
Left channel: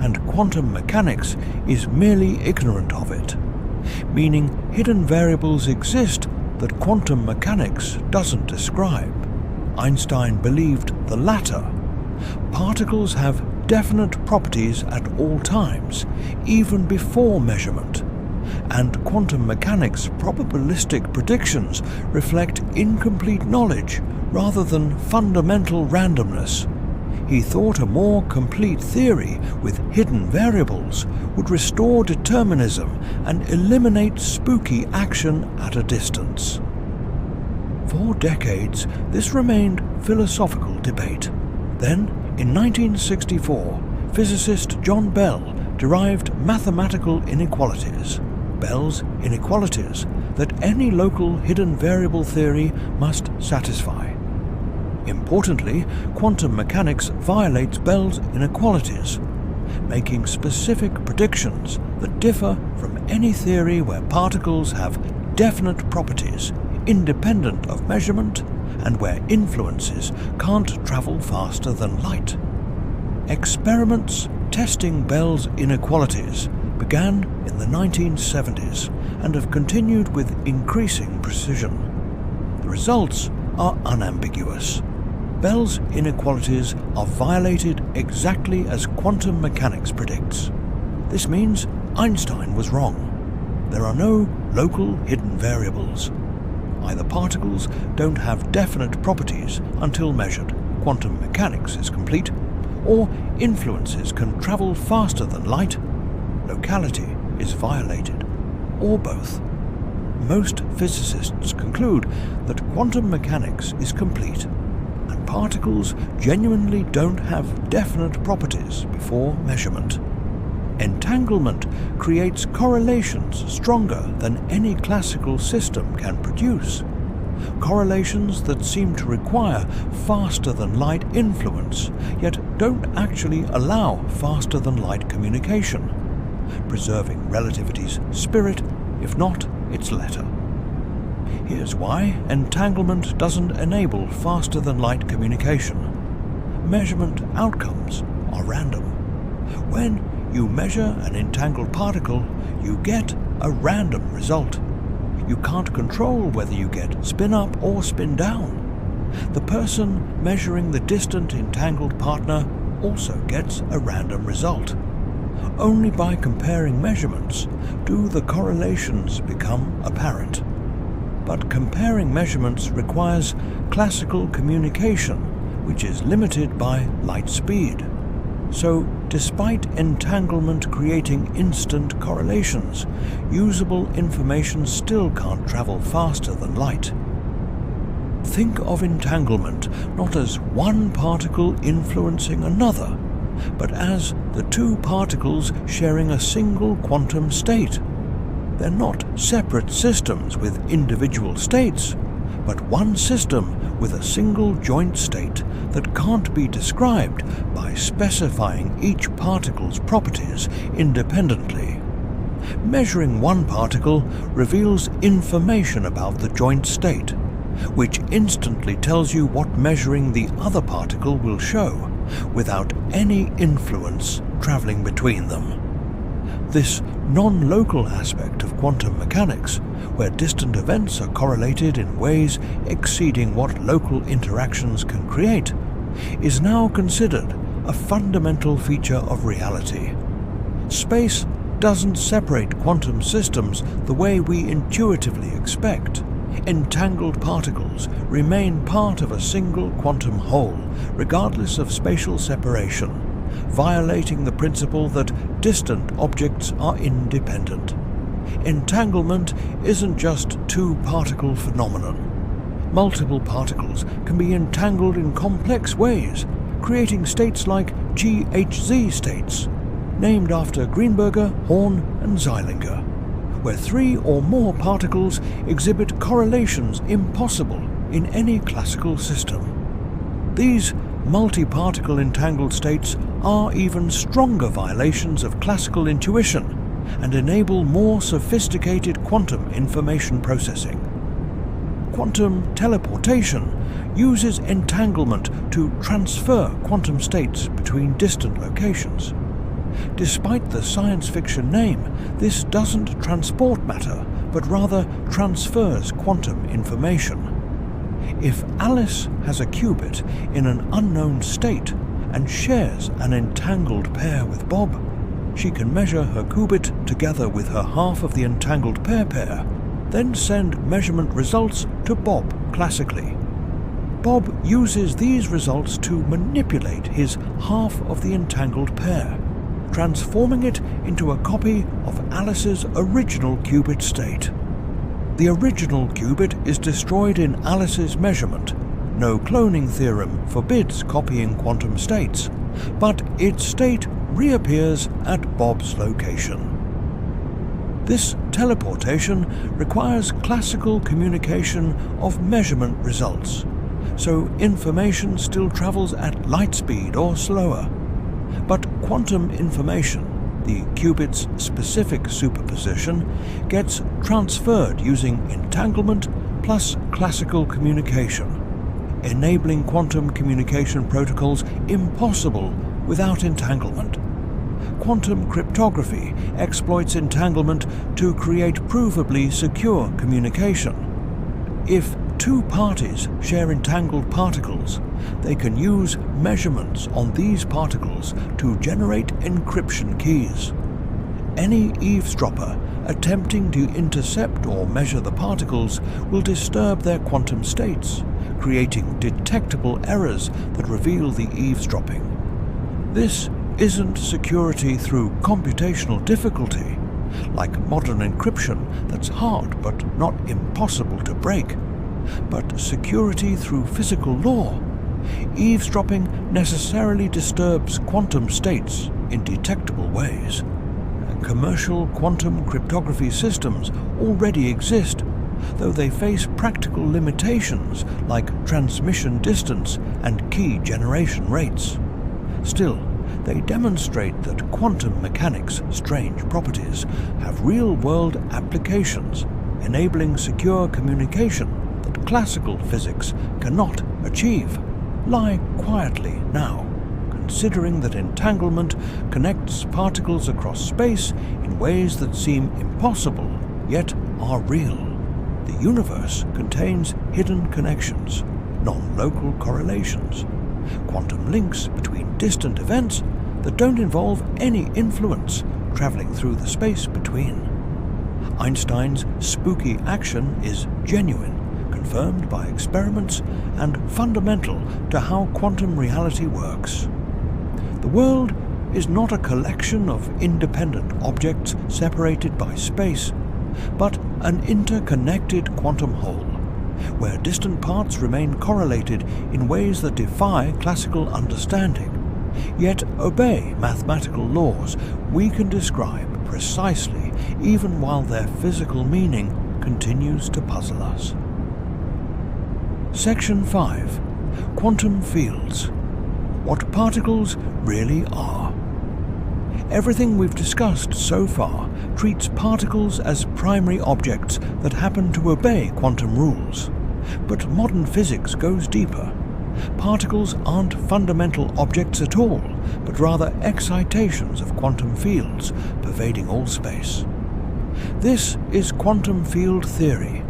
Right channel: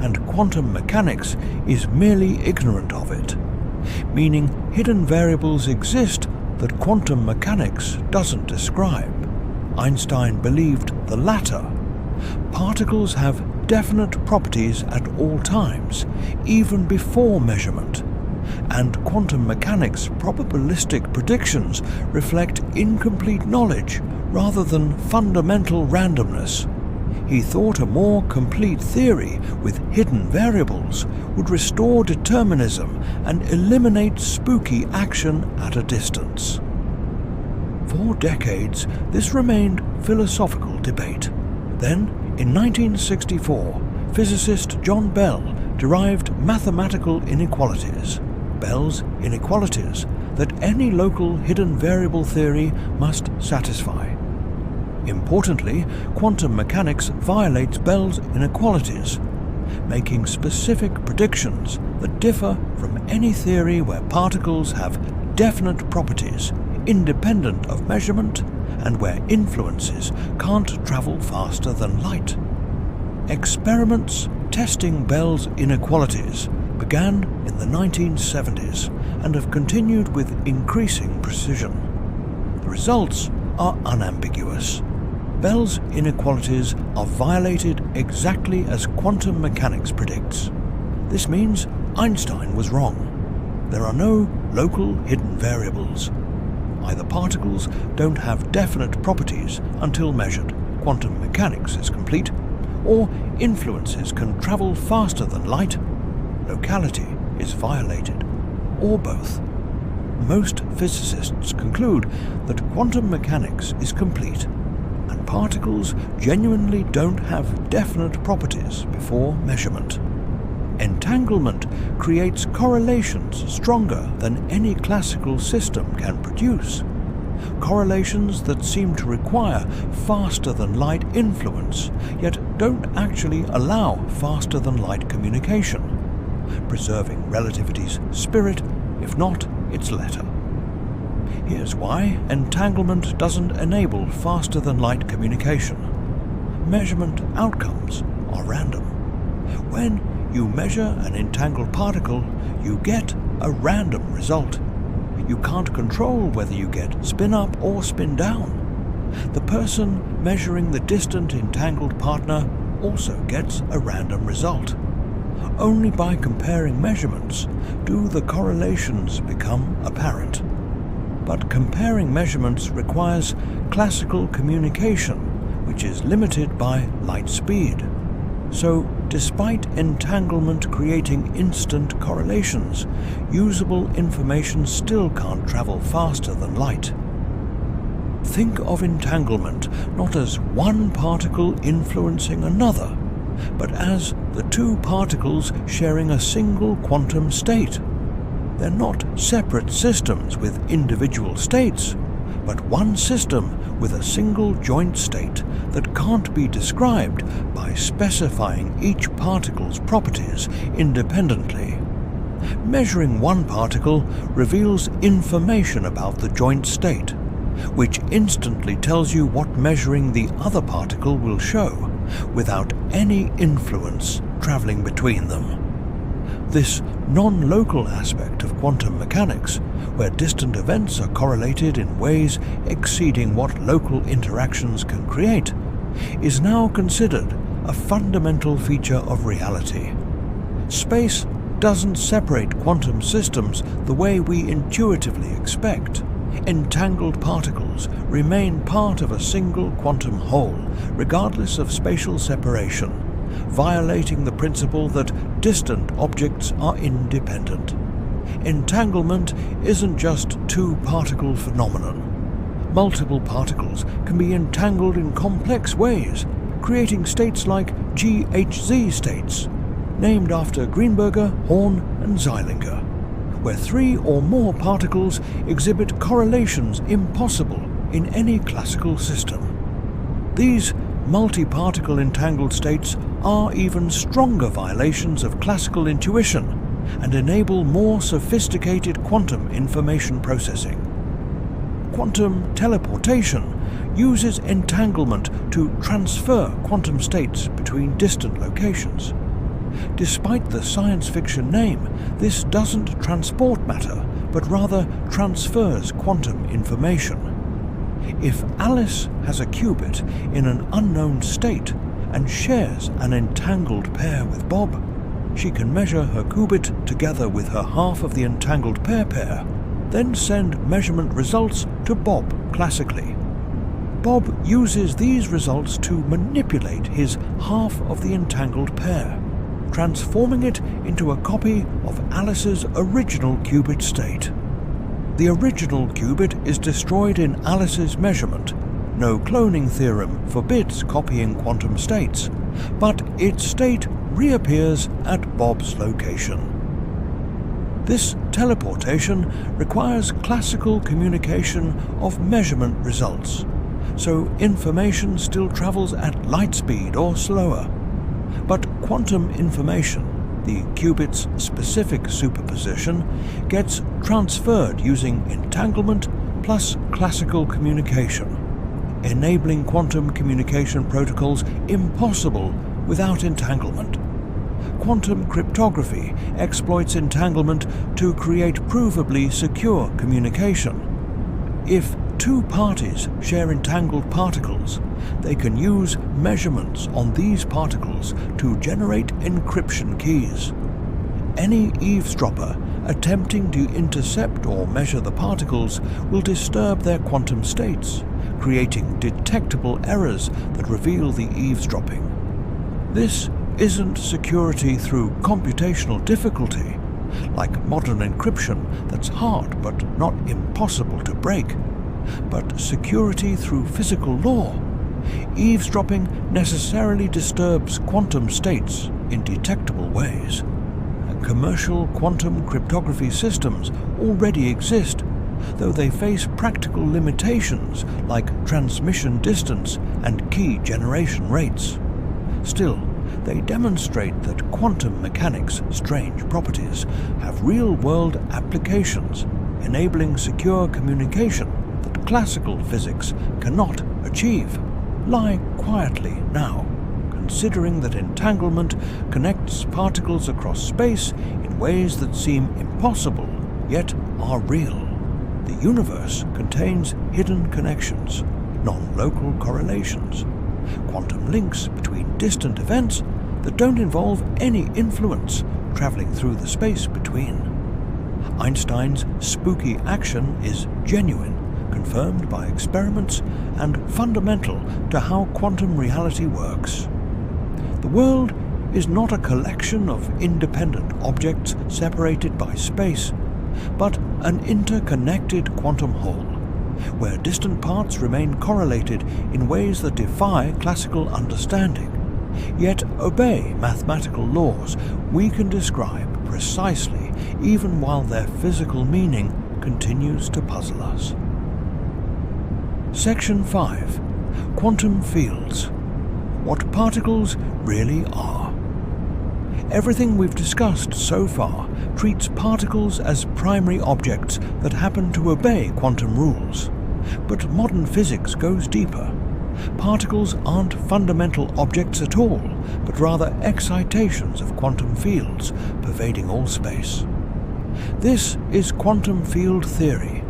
and quantum mechanics is merely ignorant of it, meaning hidden variables exist that quantum mechanics doesn't describe. Einstein believed the latter. Particles have definite properties at all times, even before measurement, and quantum mechanics' probabilistic predictions reflect incomplete knowledge rather than fundamental randomness. He thought a more complete theory with hidden variables would restore determinism and eliminate spooky action at a distance. For decades, this remained philosophical debate. Then, in 1964, physicist John Bell derived mathematical inequalities, Bell's inequalities, that any local hidden variable theory must satisfy. Importantly, quantum mechanics violates Bell's inequalities, making specific predictions that differ from any theory where particles have definite properties independent of measurement and where influences can't travel faster than light. Experiments testing Bell's inequalities began in the 1970s and have continued with increasing precision. The results are unambiguous. Bell's inequalities are violated exactly as quantum mechanics predicts. This means Einstein was wrong. There are no local hidden variables. Either particles don't have definite properties until measured, quantum mechanics is complete, or influences can travel faster than light, locality is violated, or both. Most physicists conclude that quantum mechanics is complete, and particles genuinely don't have definite properties before measurement. Entanglement creates correlations stronger than any classical system can produce. Correlations that seem to require faster-than-light influence, yet don't actually allow faster-than-light communication, preserving relativity's spirit, if not its letter. Here's why entanglement doesn't enable faster-than-light communication. Measurement outcomes are random. When you measure an entangled particle, you get a random result. You can't control whether you get spin up or spin down. The person measuring the distant entangled partner also gets a random result. Only by comparing measurements do the correlations become apparent. But comparing measurements requires classical communication, which is limited by light speed. So, despite entanglement creating instant correlations, usable information still can't travel faster than light. Think of entanglement not as one particle influencing another, but as the two particles sharing a single quantum state. They're not separate systems with individual states, but one system with a single joint state that can't be described by specifying each particle's properties independently. Measuring one particle reveals information about the joint state, which instantly tells you what measuring the other particle will show, without any influence traveling between them. This non-local aspect of quantum mechanics, where distant events are correlated in ways exceeding what local interactions can create, is now considered a fundamental feature of reality. Space doesn't separate quantum systems the way we intuitively expect. Entangled particles remain part of a single quantum whole, regardless of spatial separation, violating the principle that distant objects are independent. Entanglement isn't just two-particle phenomenon. Multiple particles can be entangled in complex ways, creating states like GHZ states, named after Greenberger, Horn, and Zeilinger, where three or more particles exhibit correlations impossible in any classical system. These multi-particle entangled states are even stronger violations of classical intuition and enable more sophisticated quantum information processing. Quantum teleportation uses entanglement to transfer quantum states between distant locations. Despite the science fiction name, this doesn't transport matter, but rather transfers quantum information. If Alice has a qubit in an unknown state and shares an entangled pair with Bob, she can measure her qubit together with her half of the entangled pair, then send measurement results to Bob classically. Bob uses these results to manipulate his half of the entangled pair, transforming it into a copy of Alice's original qubit state. The original qubit is destroyed in Alice's measurement. No cloning theorem forbids copying quantum states, but its state reappears at Bob's location. This teleportation requires classical communication of measurement results, so information still travels at light speed or slower. But quantum information, the qubit's specific superposition, gets transferred using entanglement plus classical communication, enabling quantum communication protocols impossible without entanglement. Quantum cryptography exploits entanglement to create provably secure communication. If two parties share entangled particles, they can use measurements on these particles to generate encryption keys. Any eavesdropper attempting to intercept or measure the particles will disturb their quantum states, creating detectable errors that reveal the eavesdropping. This isn't security through computational difficulty, like modern encryption that's hard but not impossible to break, but security through physical law. Eavesdropping necessarily disturbs quantum states in detectable ways. Commercial quantum cryptography systems already exist, though they face practical limitations like transmission distance and key generation rates. Still, they demonstrate that quantum mechanics' strange properties have real-world applications, enabling secure communication that classical physics cannot achieve. Lie quietly now, considering that entanglement connects particles across space in ways that seem impossible, yet are real. The universe contains hidden connections, non-local correlations, quantum links between distant events that don't involve any influence traveling through the space between. Einstein's spooky action is genuine, confirmed by experiments, and fundamental to how quantum reality works. The world is not a collection of independent objects separated by space, but an interconnected quantum whole, where distant parts remain correlated in ways that defy classical understanding, yet obey mathematical laws we can describe precisely even while their physical meaning continues to puzzle us. Section 5. Quantum fields. What particles really are. Everything we've discussed so far treats particles as primary objects that happen to obey quantum rules. But modern physics goes deeper. Particles aren't fundamental objects at all, but rather excitations of quantum fields pervading all space. This is quantum field theory,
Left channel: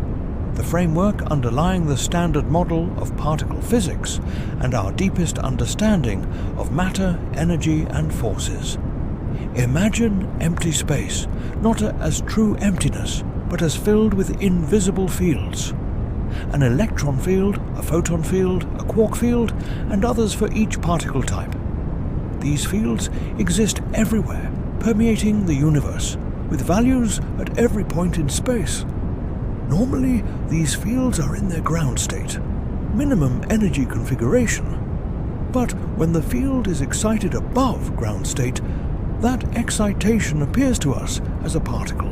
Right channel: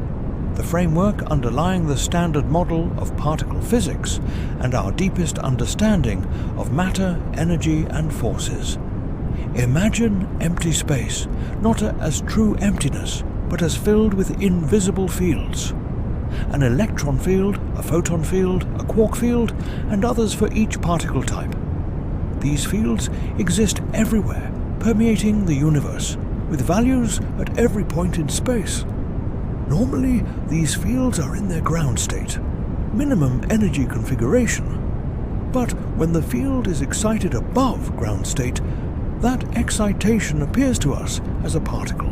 the framework underlying the standard model of particle physics and our deepest understanding of matter, energy, and forces. Imagine empty space, not as true emptiness, but as filled with invisible fields. An electron field, a photon field, a quark field, and others for each particle type. These fields exist everywhere, permeating the universe, with values at every point in space. Normally, these fields are in their ground state, minimum energy configuration. But when the field is excited above ground state, that excitation appears to us as a particle.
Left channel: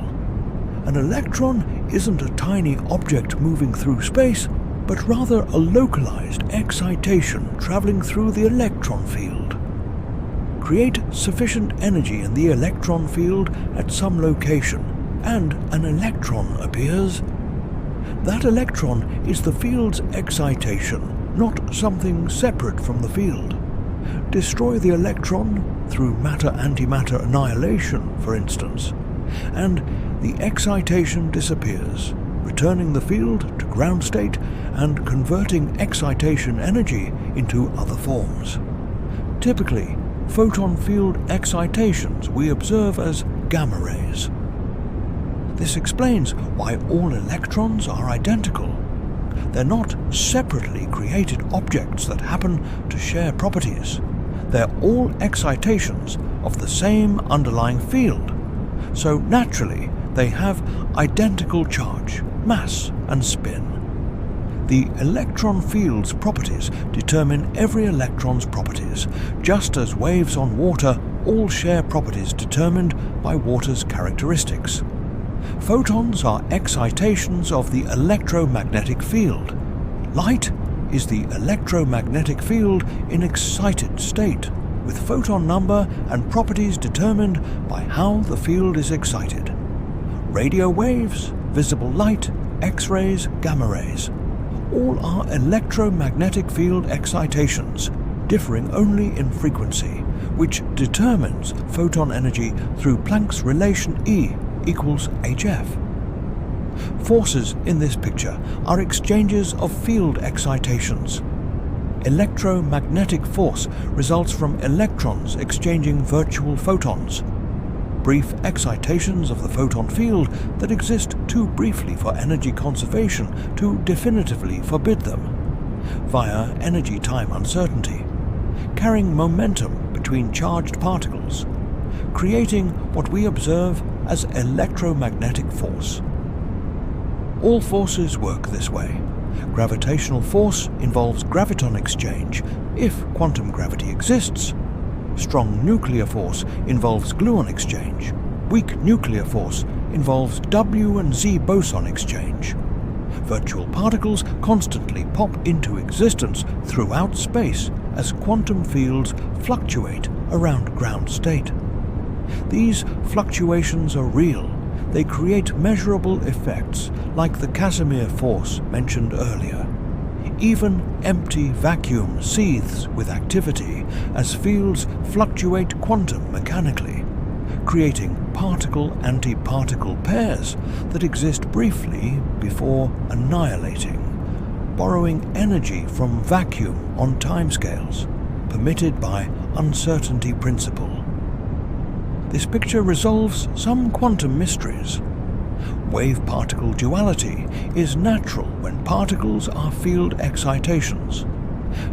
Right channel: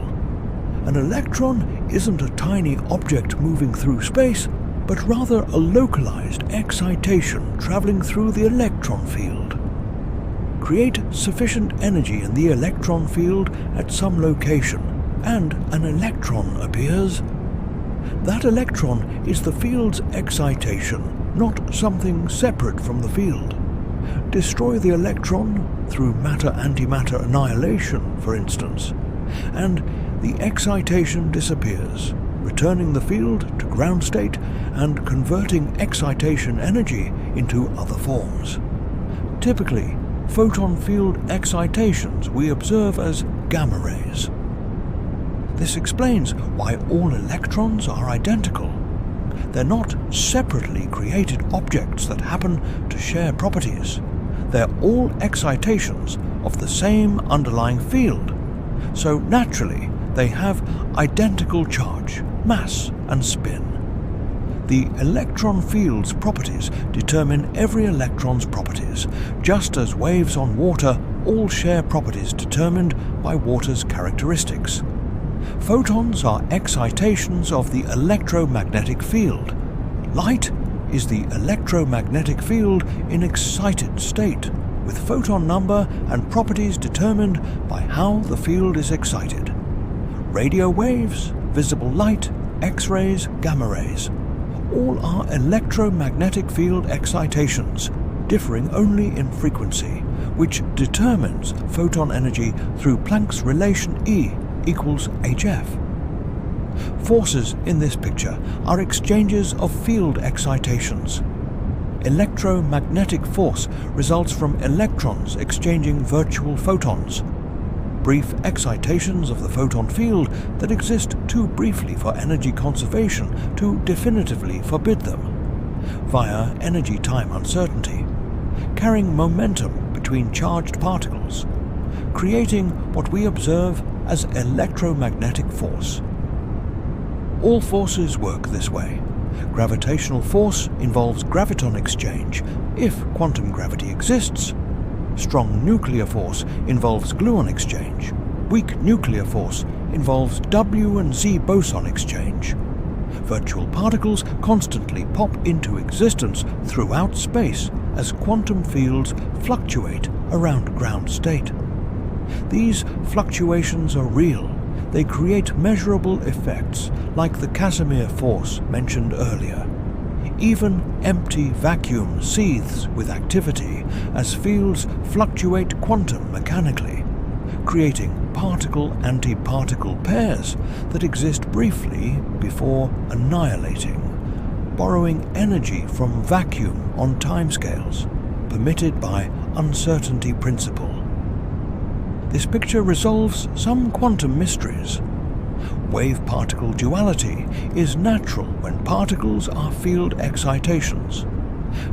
An electron isn't a tiny object moving through space, but rather a localized excitation traveling through the electron field. Create sufficient energy in the electron field at some location, and an electron appears. That electron is the field's excitation, not something separate from the field. Destroy the electron through matter-antimatter annihilation, for instance, and the excitation disappears, returning the field to ground state and converting excitation energy into other forms. Typically, photon field excitations we observe as gamma rays. This explains why all electrons are identical. They're not separately created objects that happen to share properties. They're all excitations of the same underlying field, so naturally they have identical charge, mass, and spin. The electron field's properties determine every electron's properties, just as waves on water all share properties determined by water's characteristics. Photons are excitations of the electromagnetic field. Light is the electromagnetic field in excited state, with photon number and properties determined by how the field is excited. Radio waves, visible light, X-rays, gamma rays, all are electromagnetic field excitations, differing only in frequency, which determines photon energy through Planck's relation E equals hf. Forces in this picture are exchanges of field excitations. Electromagnetic force results from electrons exchanging virtual photons, brief excitations of the photon field that exist too briefly for energy conservation to definitively forbid them, via energy-time uncertainty, carrying momentum between charged particles, creating what we observe as electromagnetic force. All forces work this way. Gravitational force involves graviton exchange, if quantum gravity exists. Strong nuclear force involves gluon exchange. Weak nuclear force involves W and Z boson exchange. Virtual particles constantly pop into existence throughout space as quantum fields fluctuate around ground state. These fluctuations are real. They create measurable effects like the Casimir force mentioned earlier. Even empty vacuum seethes with activity as fields fluctuate quantum mechanically, creating particle-antiparticle pairs that exist briefly before annihilating, borrowing energy from vacuum on timescales, permitted by uncertainty principle. This picture resolves some quantum mysteries. Wave-particle duality is natural when particles are field excitations.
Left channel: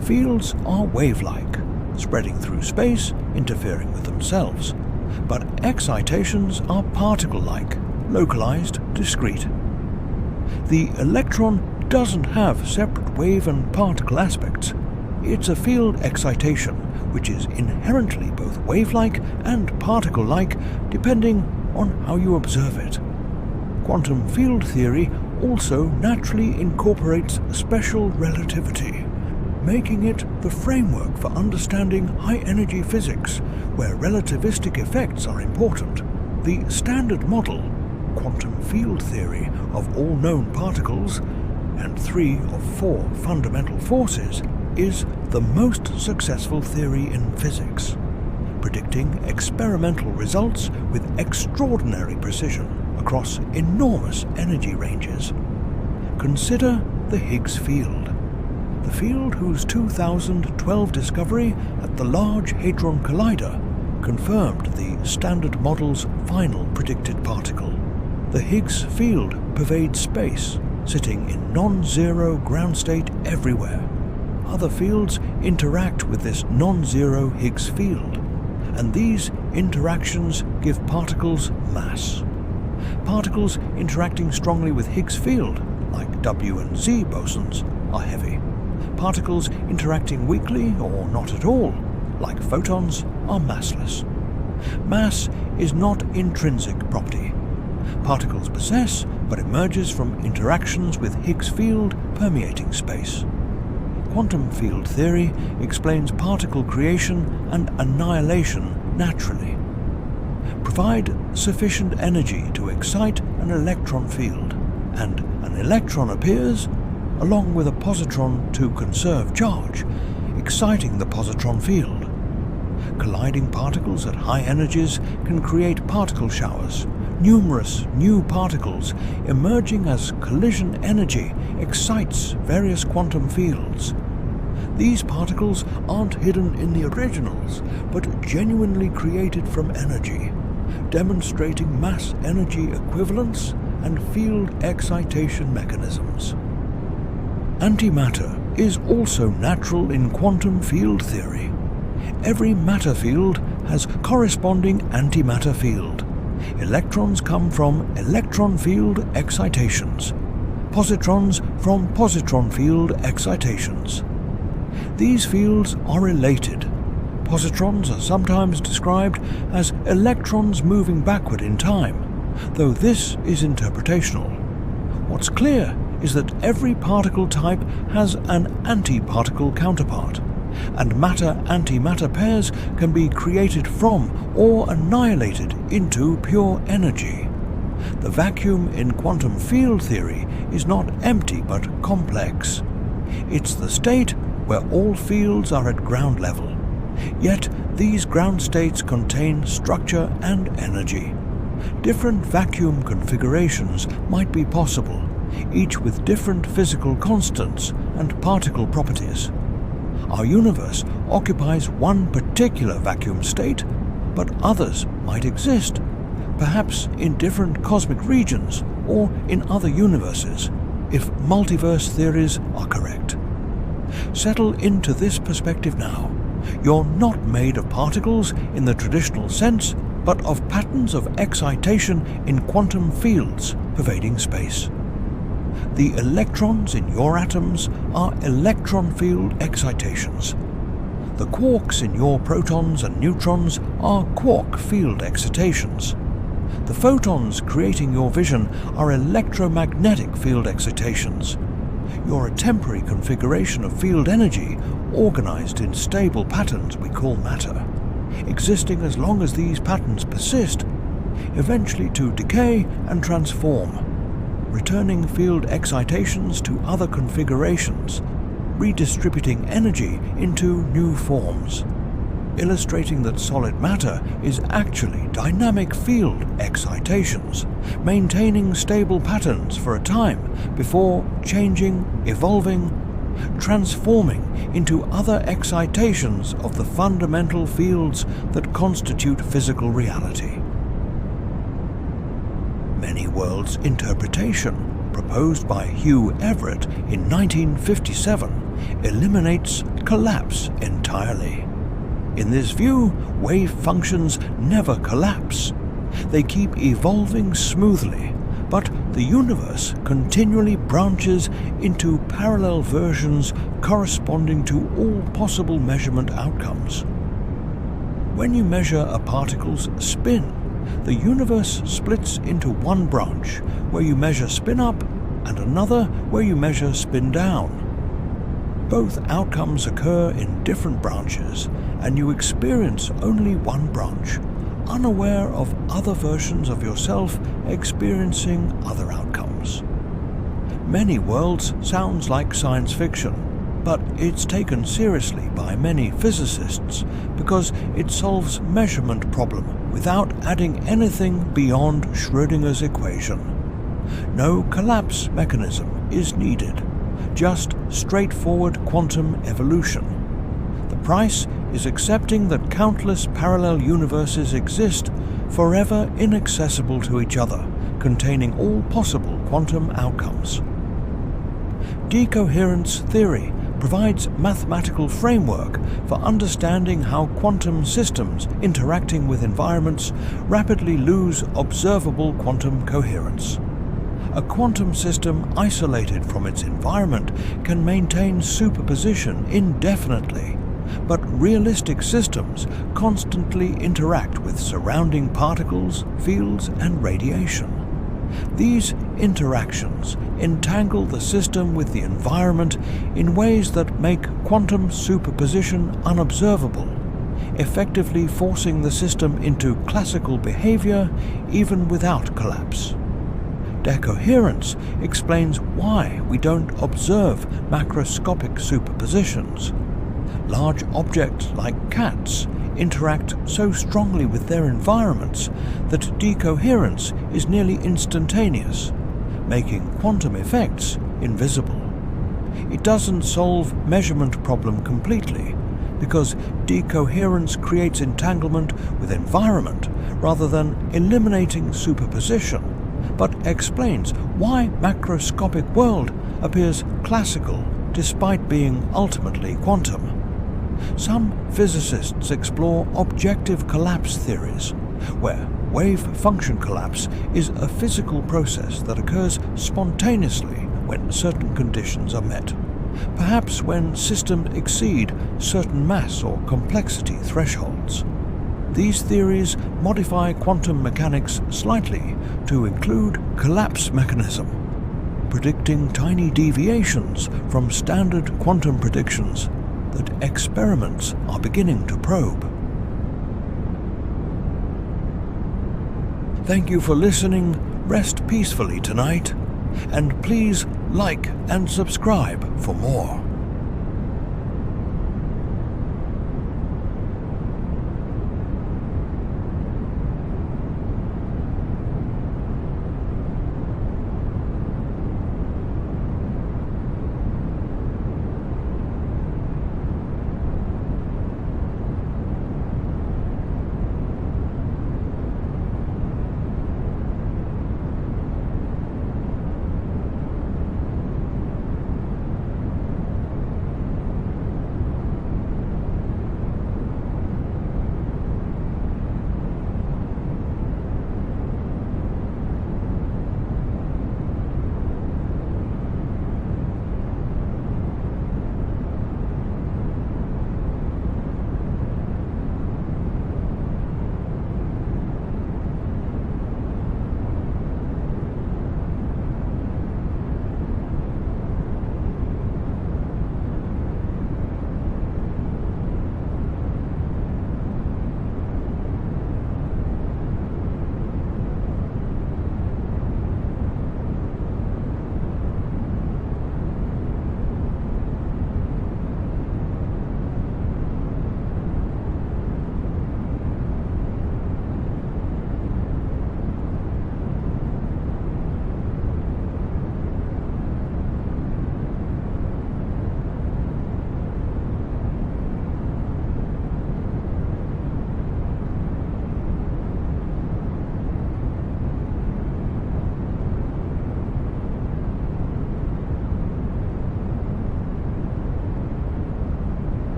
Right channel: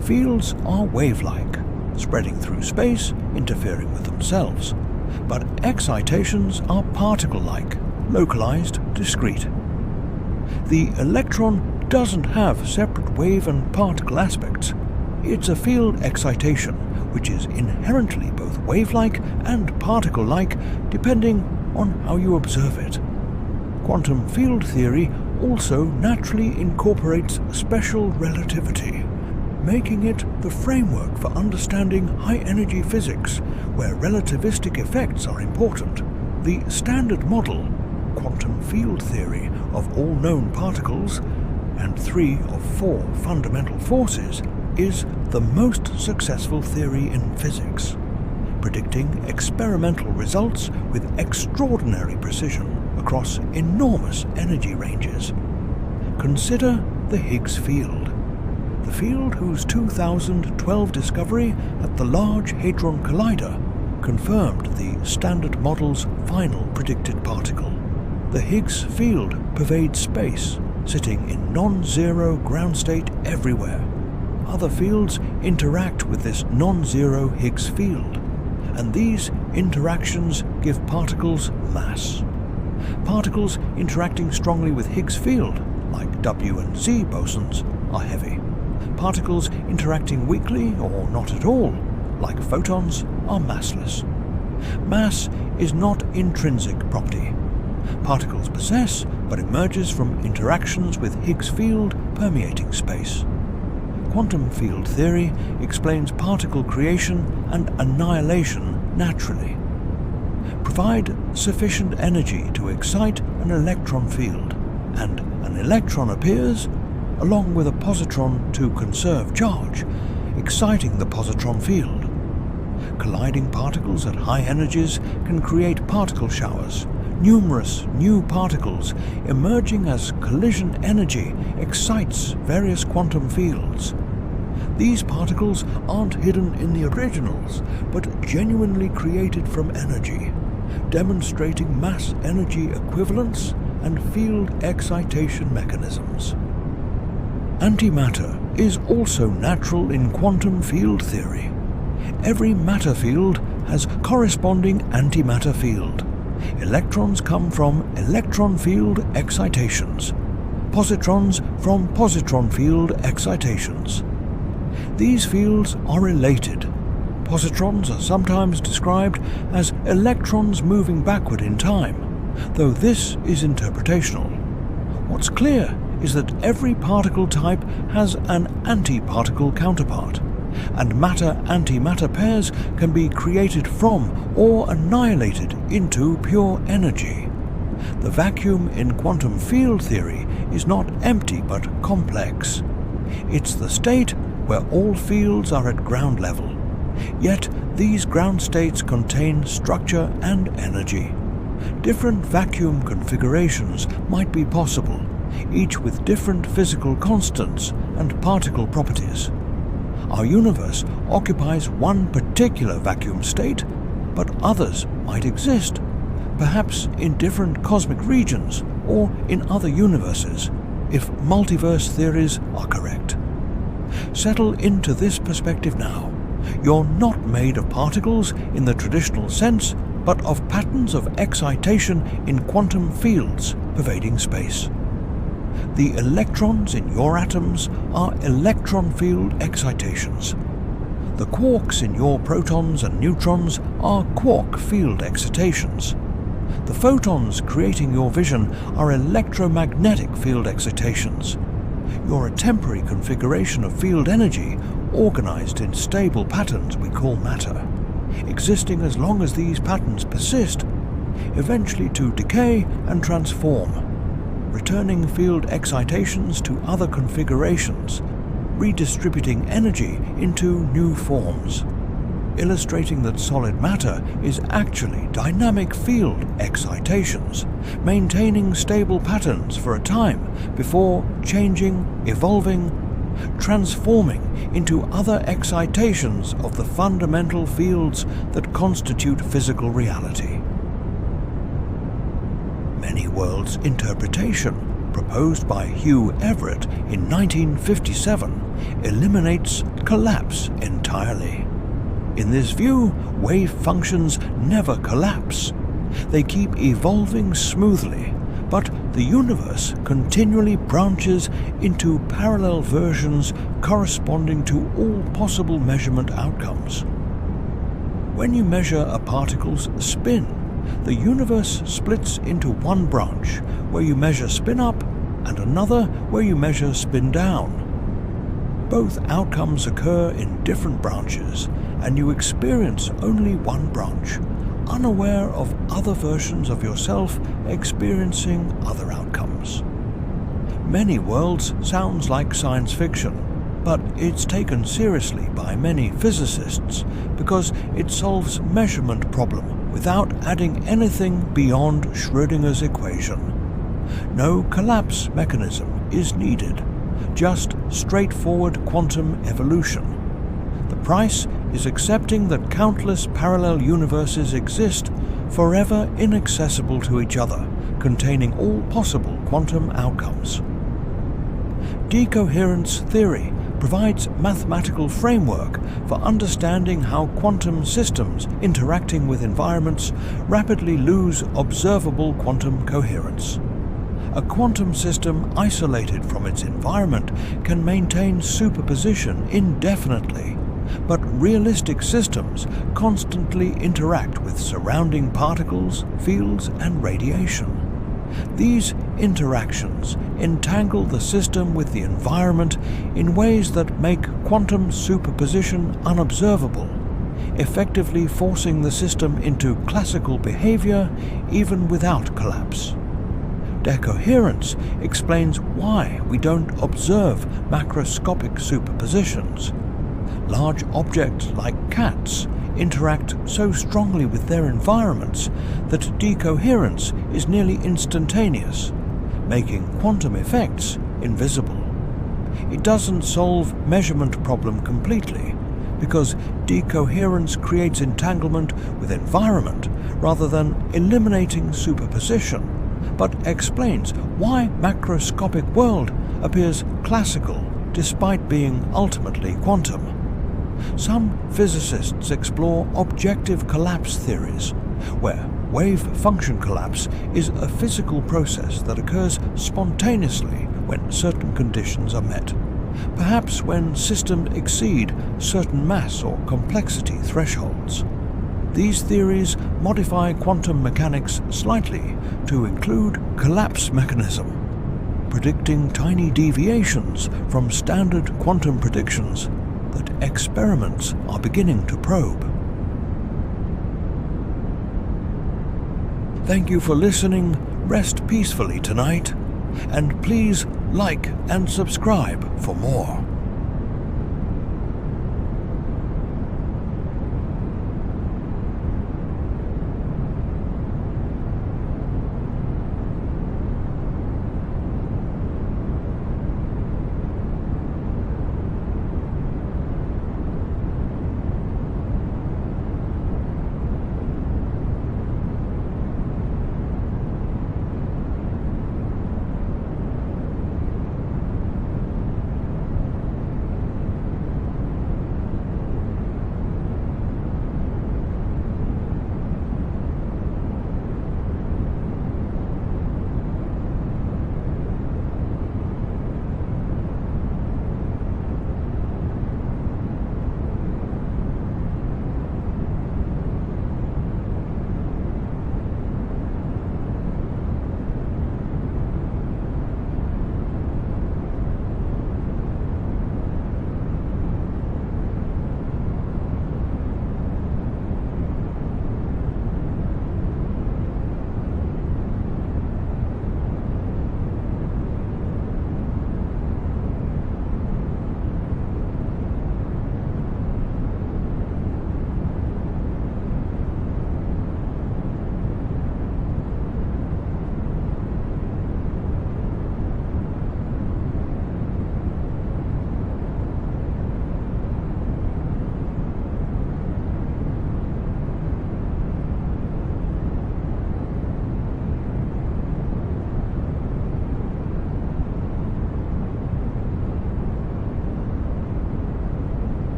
Fields are wave-like, spreading through space, interfering with themselves. But excitations are particle-like, localized, discrete. The electron doesn't have separate wave and particle aspects. It's a field excitation, which is inherently both wave-like and particle-like, depending on how you observe it. Quantum field theory also naturally incorporates special relativity, making it the framework for understanding high-energy physics, where relativistic effects are important. The standard model, quantum field theory of all known particles, and 3 of 4 fundamental forces, is the most successful theory in physics, predicting experimental results with extraordinary precision across enormous energy ranges. Consider the Higgs field, the field whose 2012 discovery at the Large Hadron Collider confirmed the Standard Model's final predicted particle. The Higgs field pervades space, sitting in non-zero ground state everywhere. Other fields interact with this non-zero Higgs field, and these interactions give particles mass. Particles interacting strongly with Higgs field, like W and Z bosons, are heavy. Particles interacting weakly or not at all, like photons, are massless. Mass is not intrinsic property. Particles possess, but emerges from interactions with Higgs field permeating space. Quantum field theory explains particle creation and annihilation naturally. Provide sufficient energy to excite an electron field, and an electron appears, along with a positron to conserve charge, exciting the positron field. Colliding particles at high energies can create particle showers. Numerous new particles emerging as collision energy excites various quantum fields. These particles aren't hidden in the originals, but genuinely created from energy, demonstrating mass-energy equivalence and field excitation mechanisms. Antimatter is also natural in quantum field theory. Every matter field has corresponding antimatter field. Electrons come from electron field excitations, positrons from positron field excitations. These fields are related. Positrons are sometimes described as electrons moving backward in time, though this is interpretational. What's clear is that every particle type has an antiparticle counterpart, and matter-antimatter pairs can be created from or annihilated into pure energy. The vacuum in quantum field theory is not empty but complex. It's the state where all fields are at ground level. Yet these ground states contain structure and energy. Different vacuum configurations might be possible, each with different physical constants and particle properties. Our universe occupies one particular vacuum state, but others might exist, perhaps in different cosmic regions or in other universes, if multiverse theories are correct. Settle into this perspective now. You're not made of particles in the traditional sense, but of patterns of excitation in quantum fields pervading space. The electrons in your atoms are electron field excitations. The quarks in your protons and neutrons are quark field excitations. The photons creating your vision are electromagnetic field excitations. You're a temporary configuration of field energy organized in stable patterns we call matter, existing as long as these patterns persist, eventually to decay and transform, returning field excitations to other configurations, redistributing energy into new forms, illustrating that solid matter is actually dynamic field excitations, maintaining stable patterns for a time before changing, evolving, transforming into other excitations of the fundamental fields that constitute physical reality. Many worlds interpretation, proposed by Hugh Everett in 1957, eliminates collapse entirely. In this view, wave functions never collapse. They keep evolving smoothly, but the universe continually branches into parallel versions corresponding to all possible measurement outcomes. When you measure a particle's spin, the universe splits into one branch where you measure spin up and another where you measure spin down. Both outcomes occur in different branches, and you experience only one branch, unaware of other versions of yourself experiencing other outcomes. Many worlds sounds like science fiction, but it's taken seriously by many physicists because it solves measurement problem without adding anything beyond Schrödinger's equation. No collapse mechanism is needed, just straightforward quantum evolution. The price is accepting that countless parallel universes exist, forever inaccessible to each other, containing all possible quantum outcomes. Decoherence theory provides mathematical framework for understanding how quantum systems interacting with environments rapidly lose observable quantum coherence. A quantum system isolated from its environment can maintain superposition indefinitely, but realistic systems constantly interact with surrounding particles, fields, and radiation. These interactions entangle the system with the environment in ways that make quantum superposition unobservable, effectively forcing the system into classical behavior even without collapse. Decoherence explains why we don't observe macroscopic superpositions. Large objects like cats interact so strongly with their environments that decoherence is nearly instantaneous, making quantum effects invisible. It doesn't solve measurement problem completely, because decoherence creates entanglement with environment rather than eliminating superposition, but explains why macroscopic world appears classical despite being ultimately quantum. Some physicists explore objective collapse theories, where wave function collapse is a physical process that occurs spontaneously when certain conditions are met, perhaps when systems exceed certain mass or complexity thresholds. These theories modify quantum mechanics slightly to include collapse mechanism, predicting tiny deviations from standard quantum predictions that experiments are beginning to probe. Thank you for listening. Rest peacefully tonight, and please like and subscribe for more.